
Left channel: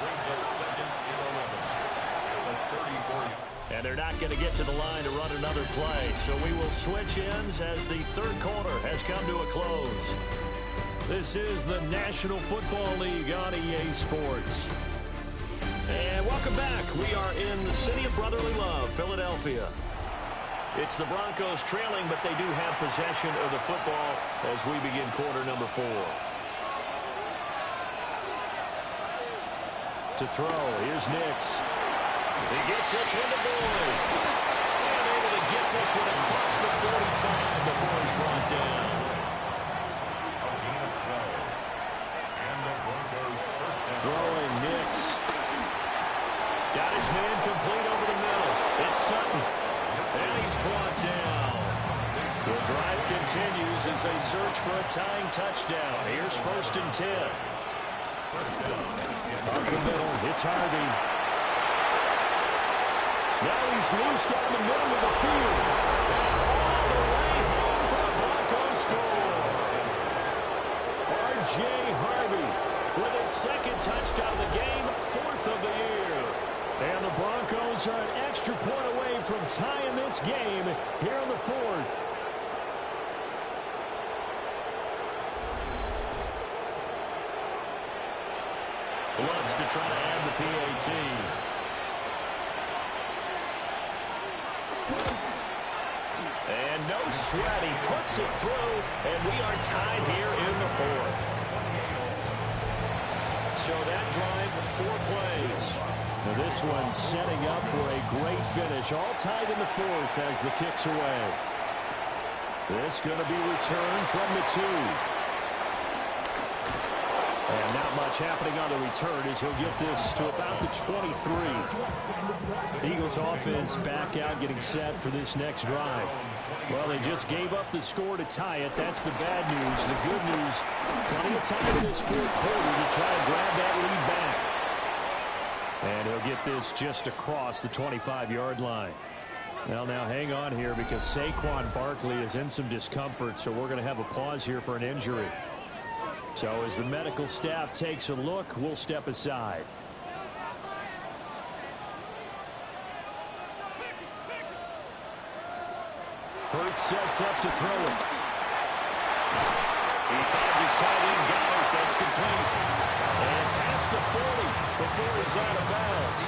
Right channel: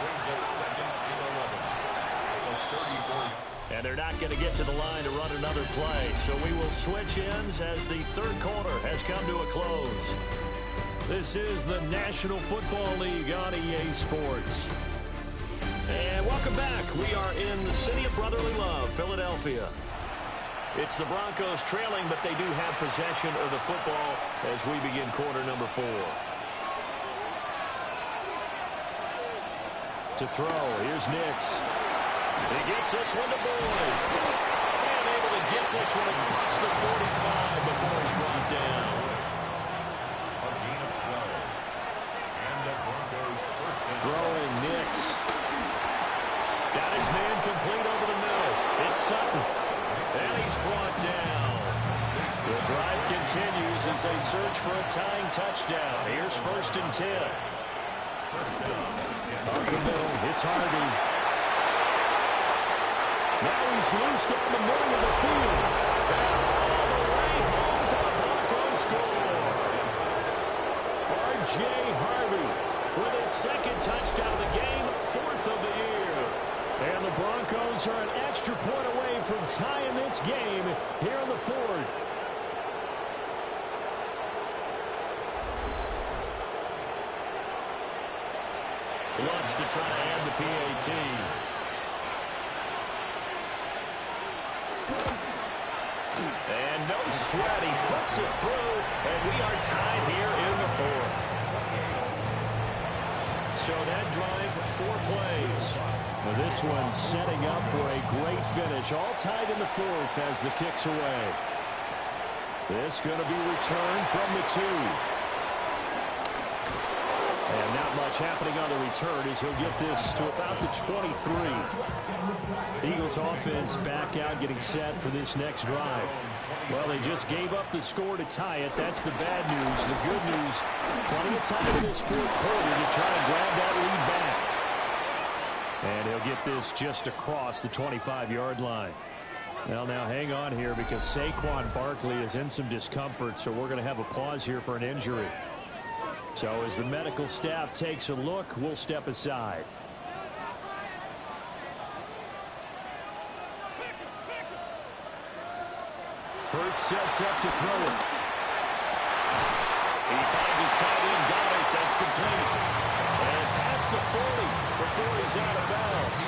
brings up 2nd and 11 at the 34. And they're not going to get to the line to run another play. So we will switch ends as the 3rd quarter has come to a close. This is the National Football League on EA Sports. And welcome back. We are in the city of brotherly love, Philadelphia. It's the Broncos trailing, but they do have possession of the football as we begin quarter number 4. To throw, here's Nix. He gets this one to Boyd. And able to get this one across the 45 before he's brought down. A gain of 12. And the Broncos first down. Throwing Nix. Got his man complete over the middle. It's Sutton. And he's brought down. The drive continues as they search for a tying touchdown. Here's 1st and 10. Up the middle, it's Harvey. Now he's loose down the middle of the field. And all the way home for the Broncos score. R.J. Harvey with his 2nd touchdown of the game, 4th of the year. And the Broncos are an extra point away from tying this game here in the 4th. Lutz to try to add the PAT. And no sweat. He puts it through, and we are tied here in the 4th. So that drive, 4 plays. Now this one setting up for a great finish. All tied in the 4th as the kick's away. This going to be returned from the 2. And now much happening on the return as he'll get this to about the 23. Eagles offense back out getting set for this next drive. Well, they just gave up the score to tie it. That's the bad news. The good news, plenty of time in this fourth quarter to try to grab that lead back. And he'll get this just across the 25-yard line. Well, now hang on here because Saquon Barkley is in some discomfort, so we're going to have a pause here for an injury. So as the medical staff takes a look, we'll step aside. Hurts sets up to throw it. He finds his tight end, Goddard. That's complete. And past the 40 before he's out of bounds.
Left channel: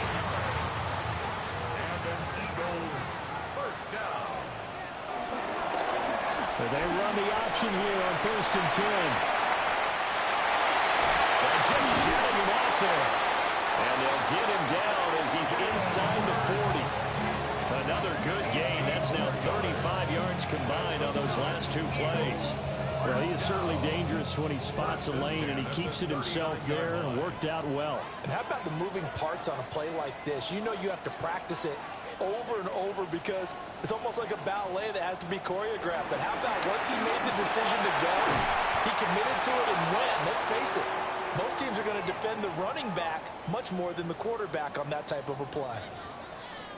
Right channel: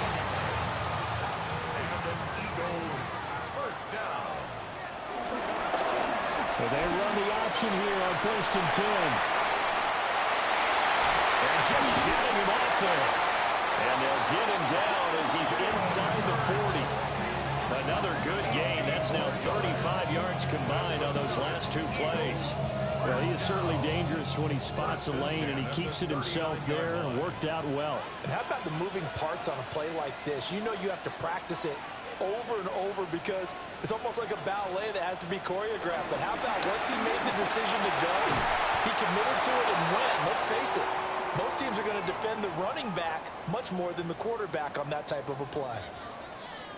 And an Eagles first down. They run the option here on 1st and 10. And just shutting him off there. And they'll get him down as he's inside the 40. Another good gain. That's now 35 yards combined on those last two plays. Well, he is certainly dangerous when he spots a lane, and he keeps it himself there and worked out well. And how about the moving parts on a play like this? You know you have to practice it over and over because it's almost like a ballet that has to be choreographed. But how about once he made the decision to go, he committed to it and went. Let's face it, most teams are going to defend the running back much more than the quarterback on that type of a play.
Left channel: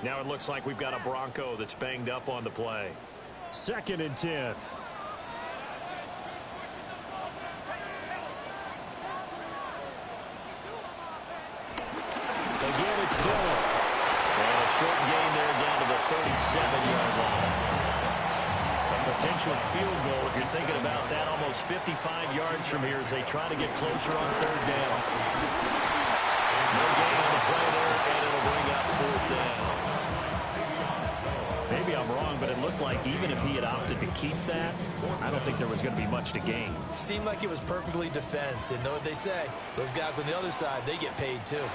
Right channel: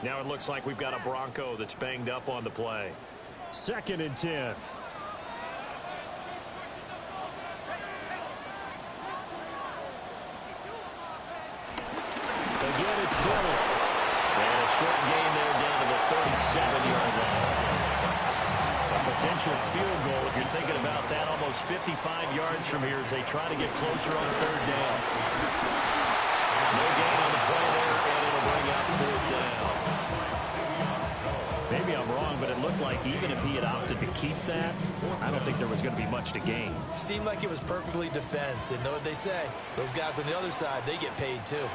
Now it looks like we've got a Bronco that's banged up on the play. 2nd and 10. Again, it's Dillon. And a short gain there down to the 37-yard line. A potential field goal, if you're thinking about that, almost 55 yards from here as they try to get closer on 3rd down. No gain on the play there, and it'll bring up 4th down. Maybe I'm wrong, but it looked like even if he had opted to keep that, I don't think there was going to be much to gain. Seemed like it was perfectly defense. And know what they say? Those guys on the other side, they get paid too.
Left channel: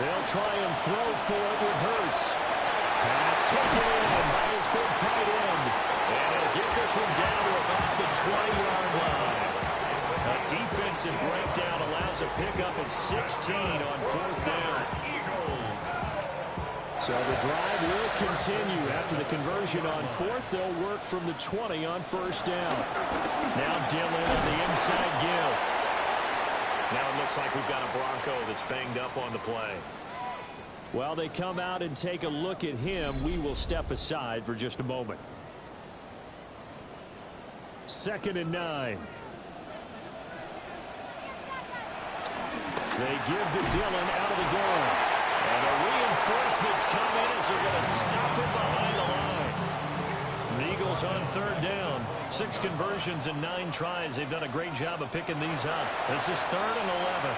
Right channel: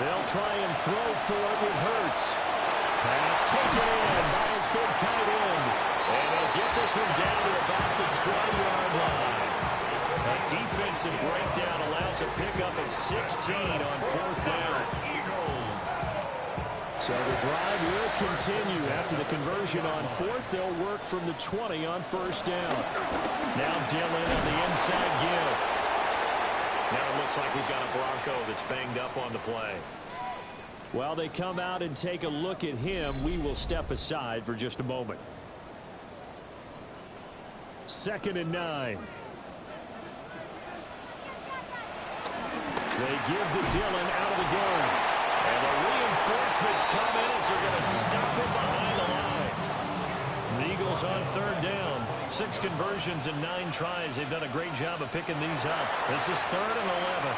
They'll try and throw for it with Hurts. Pass taken in by his big tight end. And he'll get this one down to about the 20-yard line. A defensive breakdown allows a pickup of 16 on 4th down. So the drive will continue. After the conversion on 4th, they'll work from the 20 on 1st down. Now Dillon on the inside give. Now it looks like we've got a Bronco that's banged up on the play. While they come out and take a look at him, we will step aside for just a moment. 2nd and 9. They give to Dillon out of the gun. And the reinforcements come in as they're going to stop him behind the line. The Eagles on 3rd down. 6 conversions and 9 tries. They've done a great job of picking these up. This is 3rd and 11.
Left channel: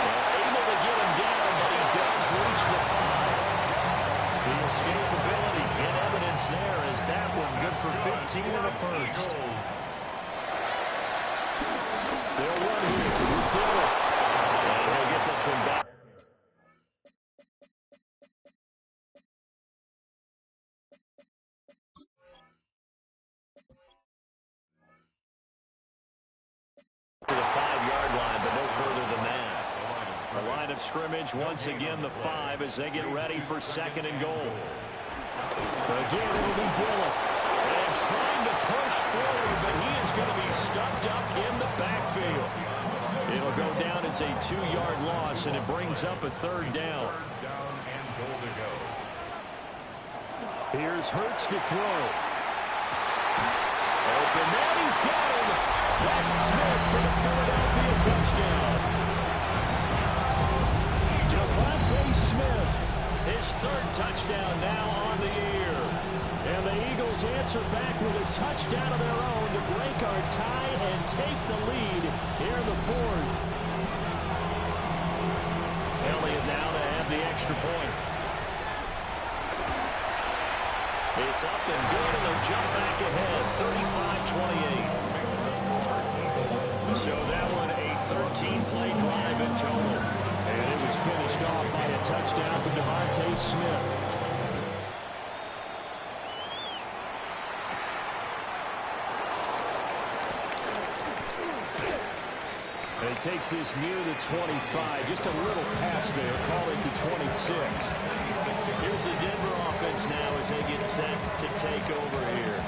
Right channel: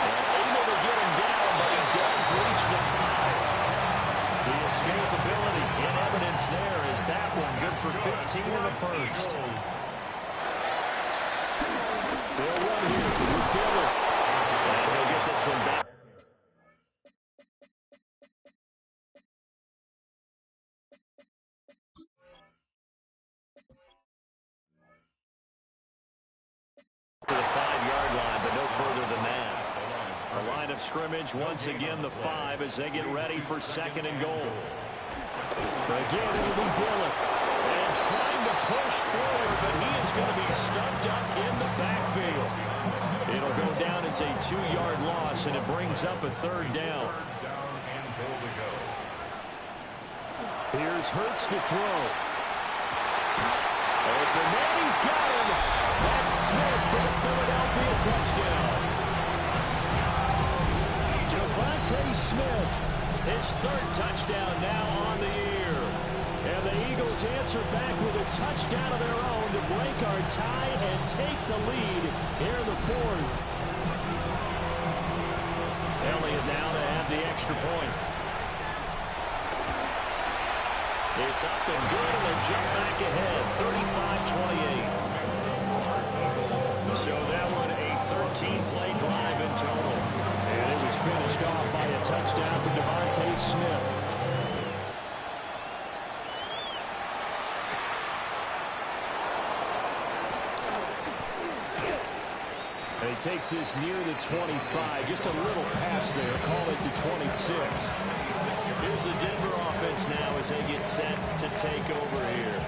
And able to get him down, but he does reach the 5. The escapability in evidence there is that one good for 15 in the 1st. They'll run here with Dillon. And he'll get this one back. To the 5-yard line, but no further than that. The line of scrimmage, once again, the 5 as they get ready for 2nd and goal. Again, it'll be Dillon. And trying to push forward, but he is going to be stuffed up in the backfield. It'll go down as a 2-yard loss, and it brings up a 3rd down. Here's Hurts to throw. Open man, he's got him. That's Smith for the Philadelphia touchdown. Devontae Smith, his 3rd touchdown now on the year. And the Eagles answer back with a touchdown of their own to break our tie and take the lead here in the 4th. Elliott now to have the extra point. It's up and good, and they'll jump back ahead, 35-28. So that one a 13-play drive in total. And it was finished off by a touchdown from Devontae Smith. And he takes this near the 25. Just a little pass there. Call it the 26. Here's the Denver offense now as they get set to take over here.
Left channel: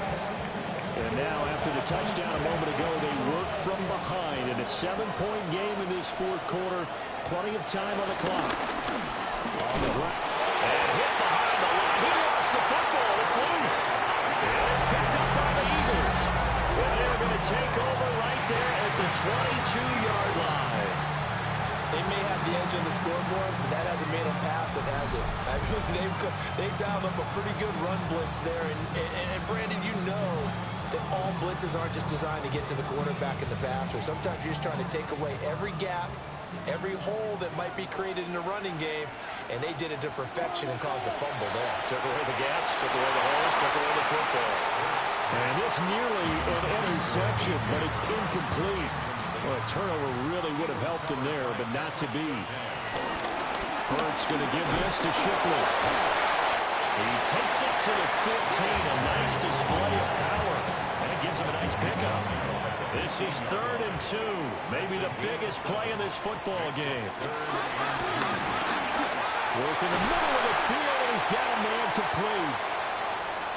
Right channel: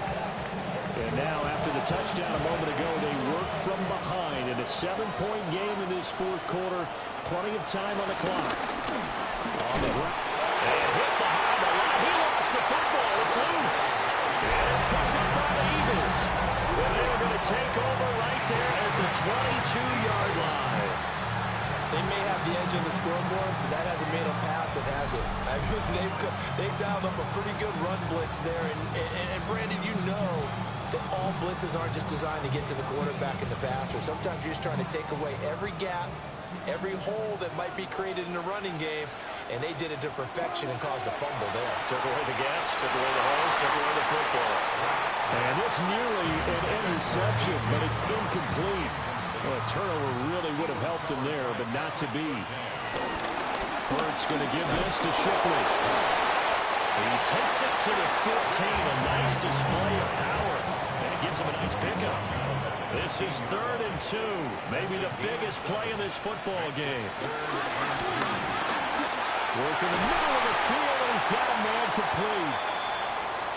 And now, after the touchdown a moment ago, they work from behind in a 7-point game in this fourth quarter. Plenty of time on the clock. On the ground. And hit behind the line. He lost the football. It's loose. And it's picked up by the Eagles. And they are going to take over right there at the 22-yard line. They may have the edge on the scoreboard, but that hasn't made them pass it, has it? I mean, they dialed up a pretty good run blitz there. And Brandon, you know that all blitzes aren't just designed to get to the quarterback in the passer. Sometimes you're just trying to take away every gap, every hole that might be created in the running game, and they did it to perfection and caused a fumble there. Took away the gaps, took away the holes, took away the football. And this nearly an interception, but it's incomplete. Well, a turnover really would have helped him there, but not to be. Hurts going to give this to Shipley. He takes it to the 15, a nice display of power, and it gives him a nice pickup. This is 3rd and 2, maybe the biggest play in this football game. Work in the middle of the field, and he's got a man complete.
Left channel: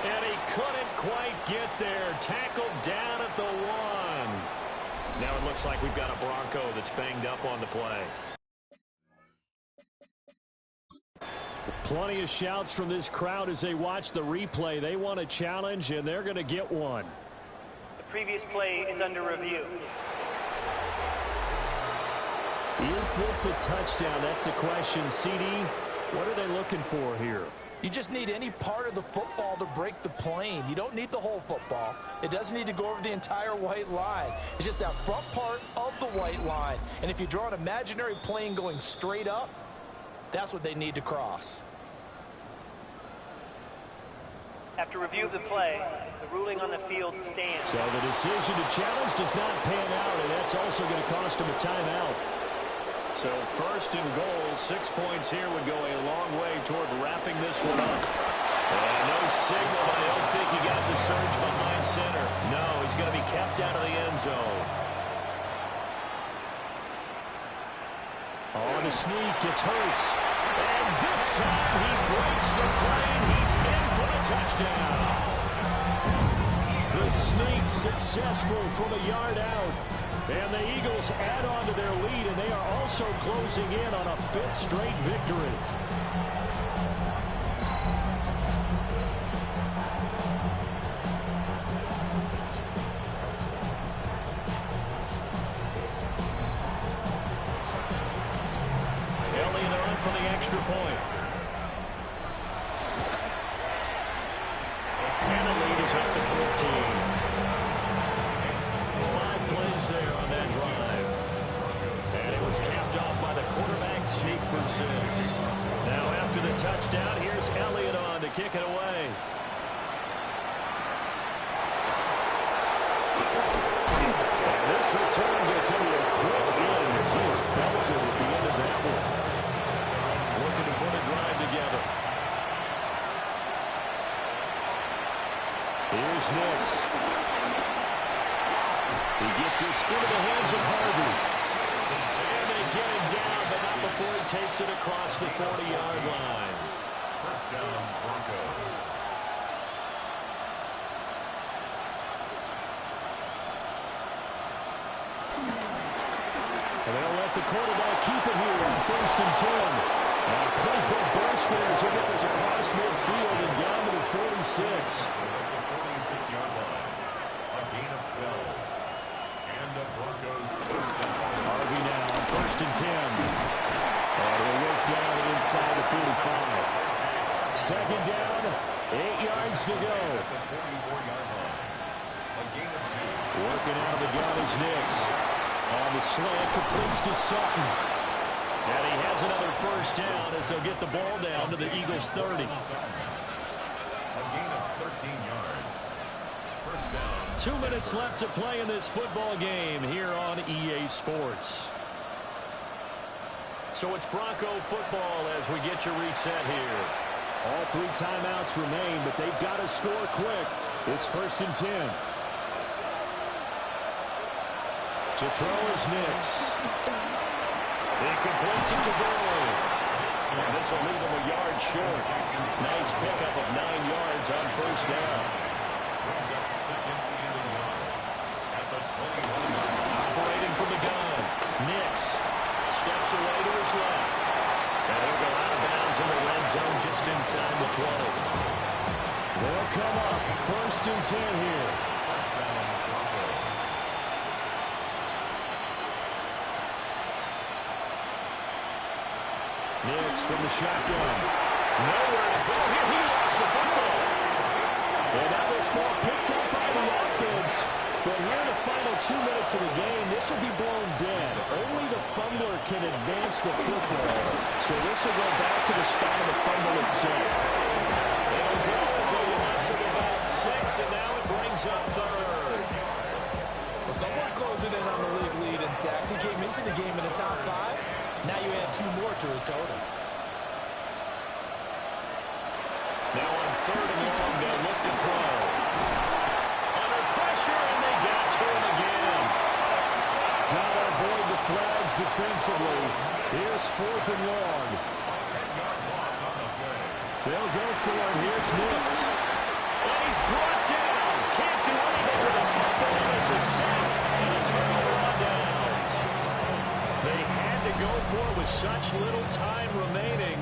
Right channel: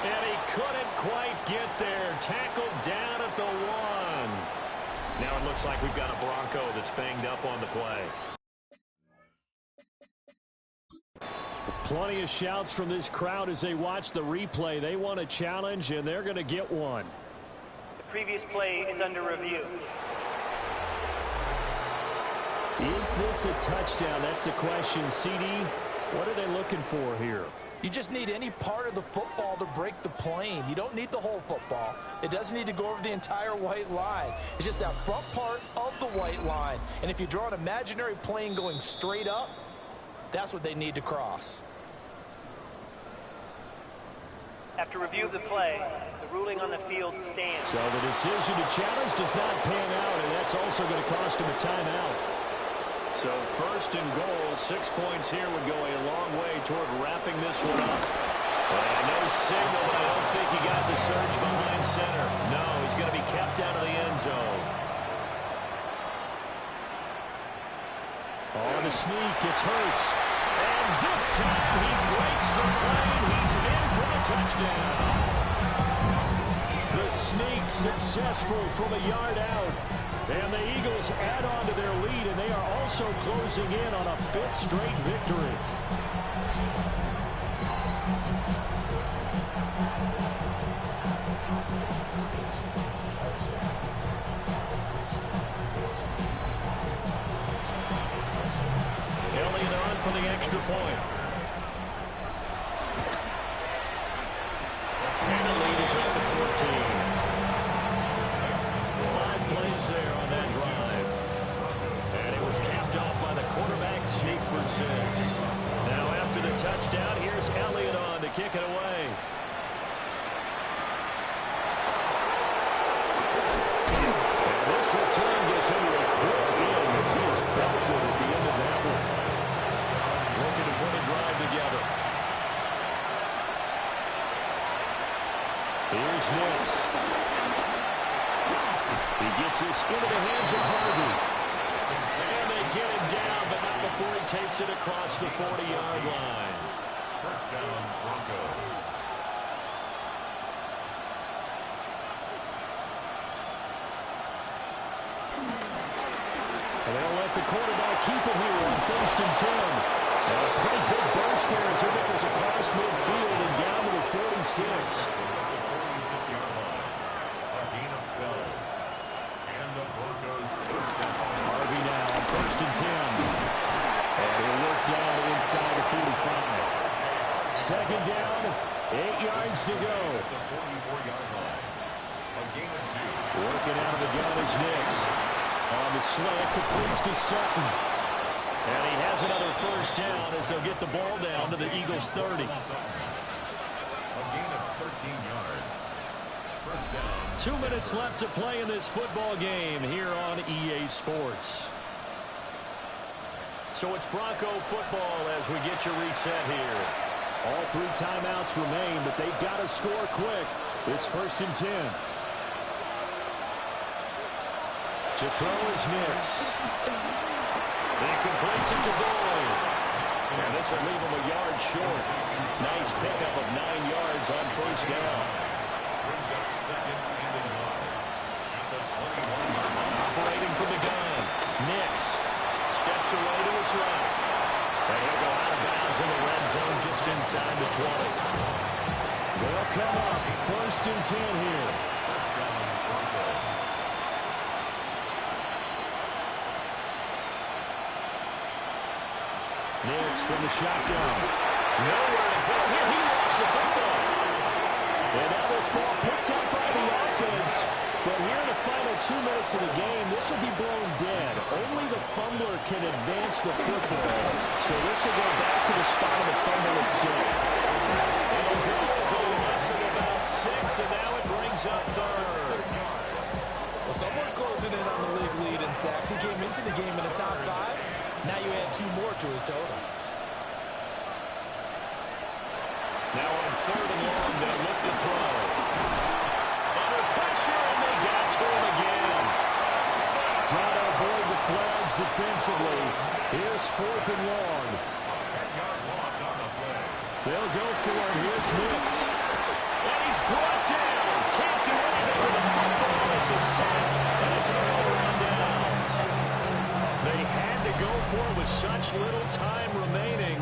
And he couldn't quite get there. Tackled down at the 1. Now it looks like we've got a Bronco that's banged up on the play. Plenty of shouts from this crowd as they watch the replay. They want a challenge, and they're going to get one. The previous play is under review. Is this a touchdown? That's the question. CD, what are they looking for here? You just need any part of the football to break the plane. You don't need the whole football. It doesn't need to go over the entire white line. It's just that front part of the white line. And if you draw an imaginary plane going straight up, that's what they need to cross. After review of the play, the ruling on the field stands. So the decision to challenge does not pan out, and that's also going to cost him a timeout. So 1st and goal, 6 points here would go a long way toward wrapping this one up. And no signal, but I don't think he got the surge behind center. No, he's going to be kept out of the end zone. On the sneak, it's Hurts. And this time he breaks the plane. He's in for a touchdown. The sneak successful from a yard out. And the Eagles add on to their lead, and they are also closing in on a 5th straight victory. Elliott on for the extra point. And the lead is up to 14. 5 plays there on that drive. And it was capped off by the quarterback sneak for 6. Now after the touchdown, here's Elliott on to kick it away. And this return will come to a quick end as he is belted at the end of that one. Looking to put a drive together. Here's Nix. He gets this into the hands of Harvey. And they get him down, but not before he takes it across the 40-yard line. 1st down, Broncos. And they'll let the quarterback keep it here on 1st and 10. And a pretty good burst there as he'll get this across midfield and down to the 46. At the 46-yard line. A gain of 12. And the Broncos 1st down. Harvey now on 1st and 10. And he'll work down inside the 45. 2nd down, 8 yards to go. At the 44-yard line. A gain of 2. Working out of the gun is Nix. On the slant, completes to Sutton. And he has another 1st down as they'll get the ball down to the Eagles' 30. A gain of 13 yards. 1st down. 2 minutes left to play in this football game here on EA Sports. So it's Bronco football as we get your reset here. All 3 timeouts remain, but they've got to score quick. It's 1st and 10. To throw is Nix. He completes it to Boyd. And this will leave him a yard short. Nice pickup of 9 yards on first down. Brings up second and a yard at the 21-yard line. Operating from the gun. Nix steps away to his left. And he'll go out of bounds in the red zone just inside the 20. They'll come up. First and 10 here. First down, Broncos. Nix from the shotgun. Nowhere to go here. He lost the football. And now this ball picked up by the offense. But here in the final 2 minutes of the game, this will be blown dead. Only the fumbler can advance the football. So this will go back to the spot of the fumble itself. It'll go as a loss of about 6, and now it brings up third. Well, someone's closing in on the league lead in sacks. He came into the game in the top 5. Now you add 2 more to his total. Now on third and long, they'll look to throw. Under pressure, and they got to him again. Got to avoid the flags defensively. Here's fourth and long. 10-yard loss on the play. They'll go for it. Here's Nix. And he's brought down. Can't do anything with the football. It's a sack and a turnover on downs. They had to go for it with such little time remaining,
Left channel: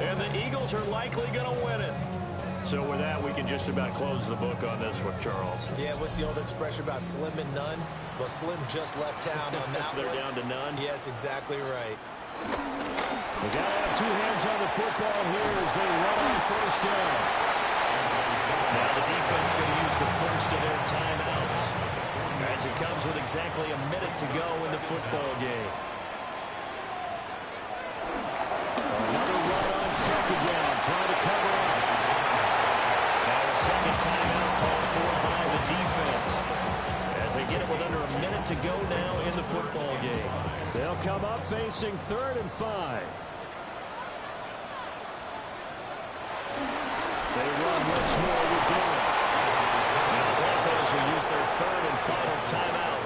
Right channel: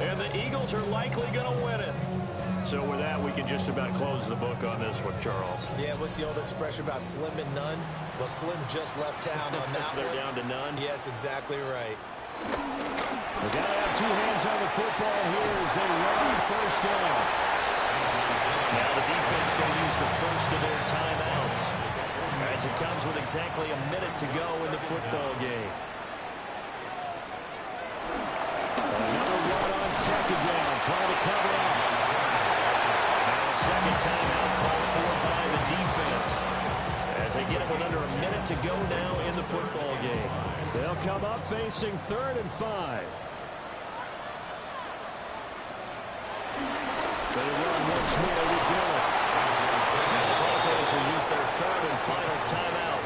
and the Eagles are likely going to win it. So with that, we can just about close the book on this one, Charles. Yeah, what's the old expression about slim and none? Well, Slim just left town on that They're one. down to none? Yes, exactly right. They got to have 2 hands on the football here as they run on first down. Now the defense going to use the first of their timeouts as it comes with exactly a minute to go in the football game. Another run on second down, trying to cover up. Now a second timeout called for by the defense as they get it with under a minute to go now in the football game. They'll come up facing 3rd and 5. They run once more with Dillon. And the Broncos will use their 3rd and final timeout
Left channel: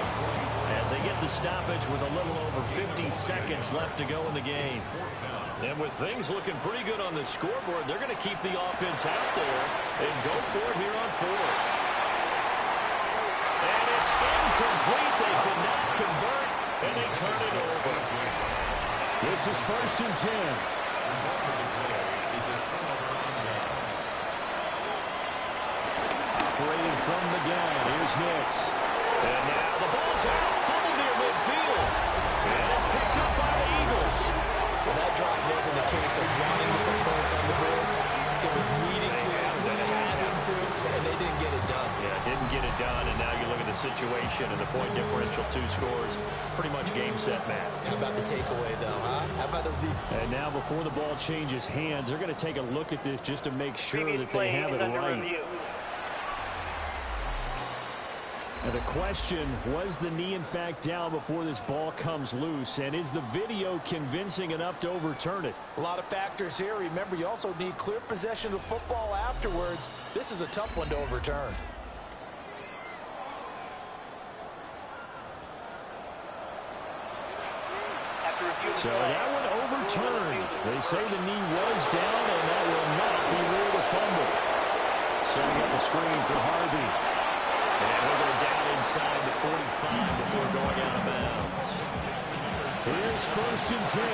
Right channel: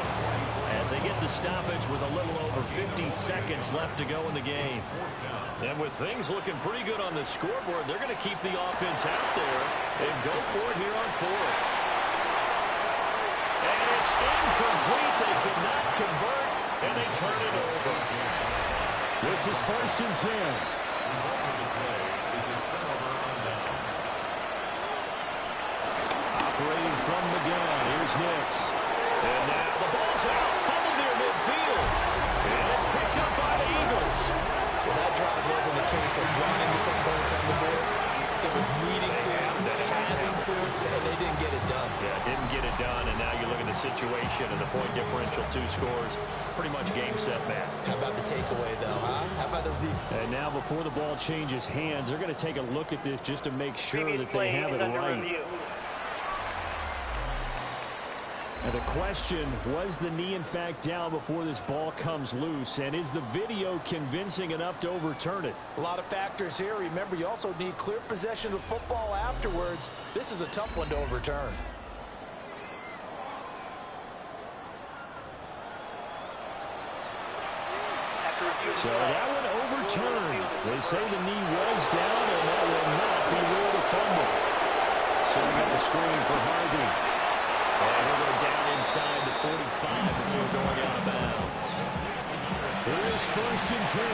as they get the stoppage with a little over 50 seconds left to go in the game. And with things looking pretty good on the scoreboard, they're going to keep the offense out there and go for it here on 4th. And it's incomplete. They cannot convert, and they turn it over. This is 1st and 10. Result of the play is a turnover on down. Operating from the gun, here's Nix. And now the ball's out, fumble near midfield. And it's picked up by the Eagles. Well, that drive wasn't a case of wanting to put points on the board. It was needing to, having to, and they didn't get it done. Yeah, didn't get it done, and now you look at the situation and the point differential, 2 scores, pretty much game, set, match. How about the takeaway, though, huh? How about those deep? And now before the ball changes hands, they're going to take a look at this just to make sure that they have it right. And the question, was the knee in fact down before this ball comes loose? And is the video convincing enough to overturn it? A lot of factors here. Remember, you also need clear possession of football afterwards. This is a tough one to overturn. So that one overturned. They say the knee was down, and that will not be ruled a fumble. Setting up a screen for Harvey. And he'll go down inside the 45 before going out of bounds. Here's 1st and 10. A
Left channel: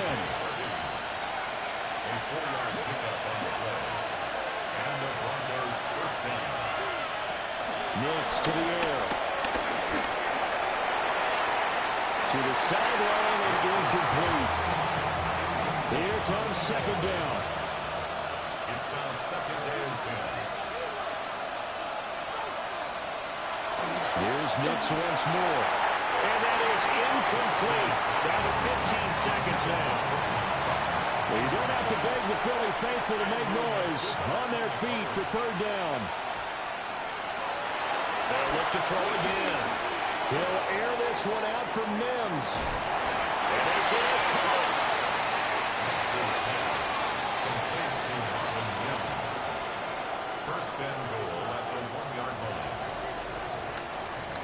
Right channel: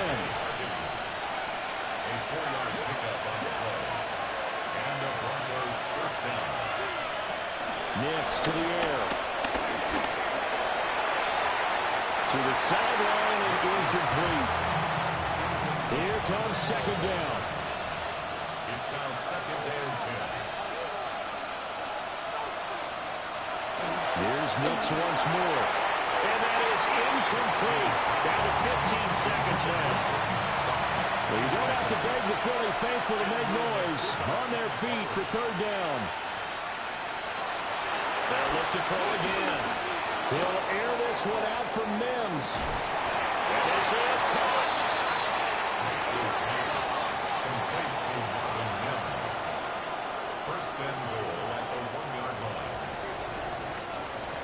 4-yard pickup on the play. And the Broncos first down. Nix to the air. To the sideline and incomplete. Here comes second down. It's now 2nd and 10. Here's Nix once more. And that is incomplete. Down to 15 seconds now. Well, you don't have to beg the Philly faithful to make noise. On their feet for 3rd down. They'll look to throw again. He'll air this one out from Mims. And this is caught. Next is pass. Complete to Marvin Mims. First and goal at the 1-yard line.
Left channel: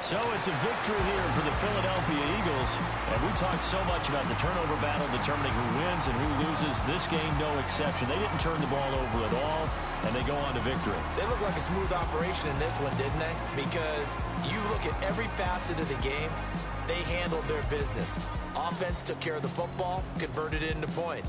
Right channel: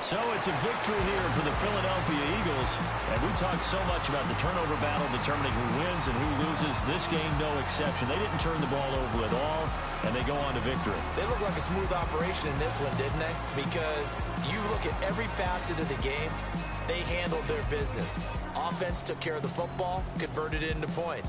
So it's a victory here for the Philadelphia Eagles. And we talked so much about the turnover battle determining who wins and who loses. This game, no exception. They didn't turn the ball over at all, and they go on to victory. They look like a smooth operation in this one, didn't they? Because you look at every facet of the game, they handled their business. Offense took care of the football, converted it into points.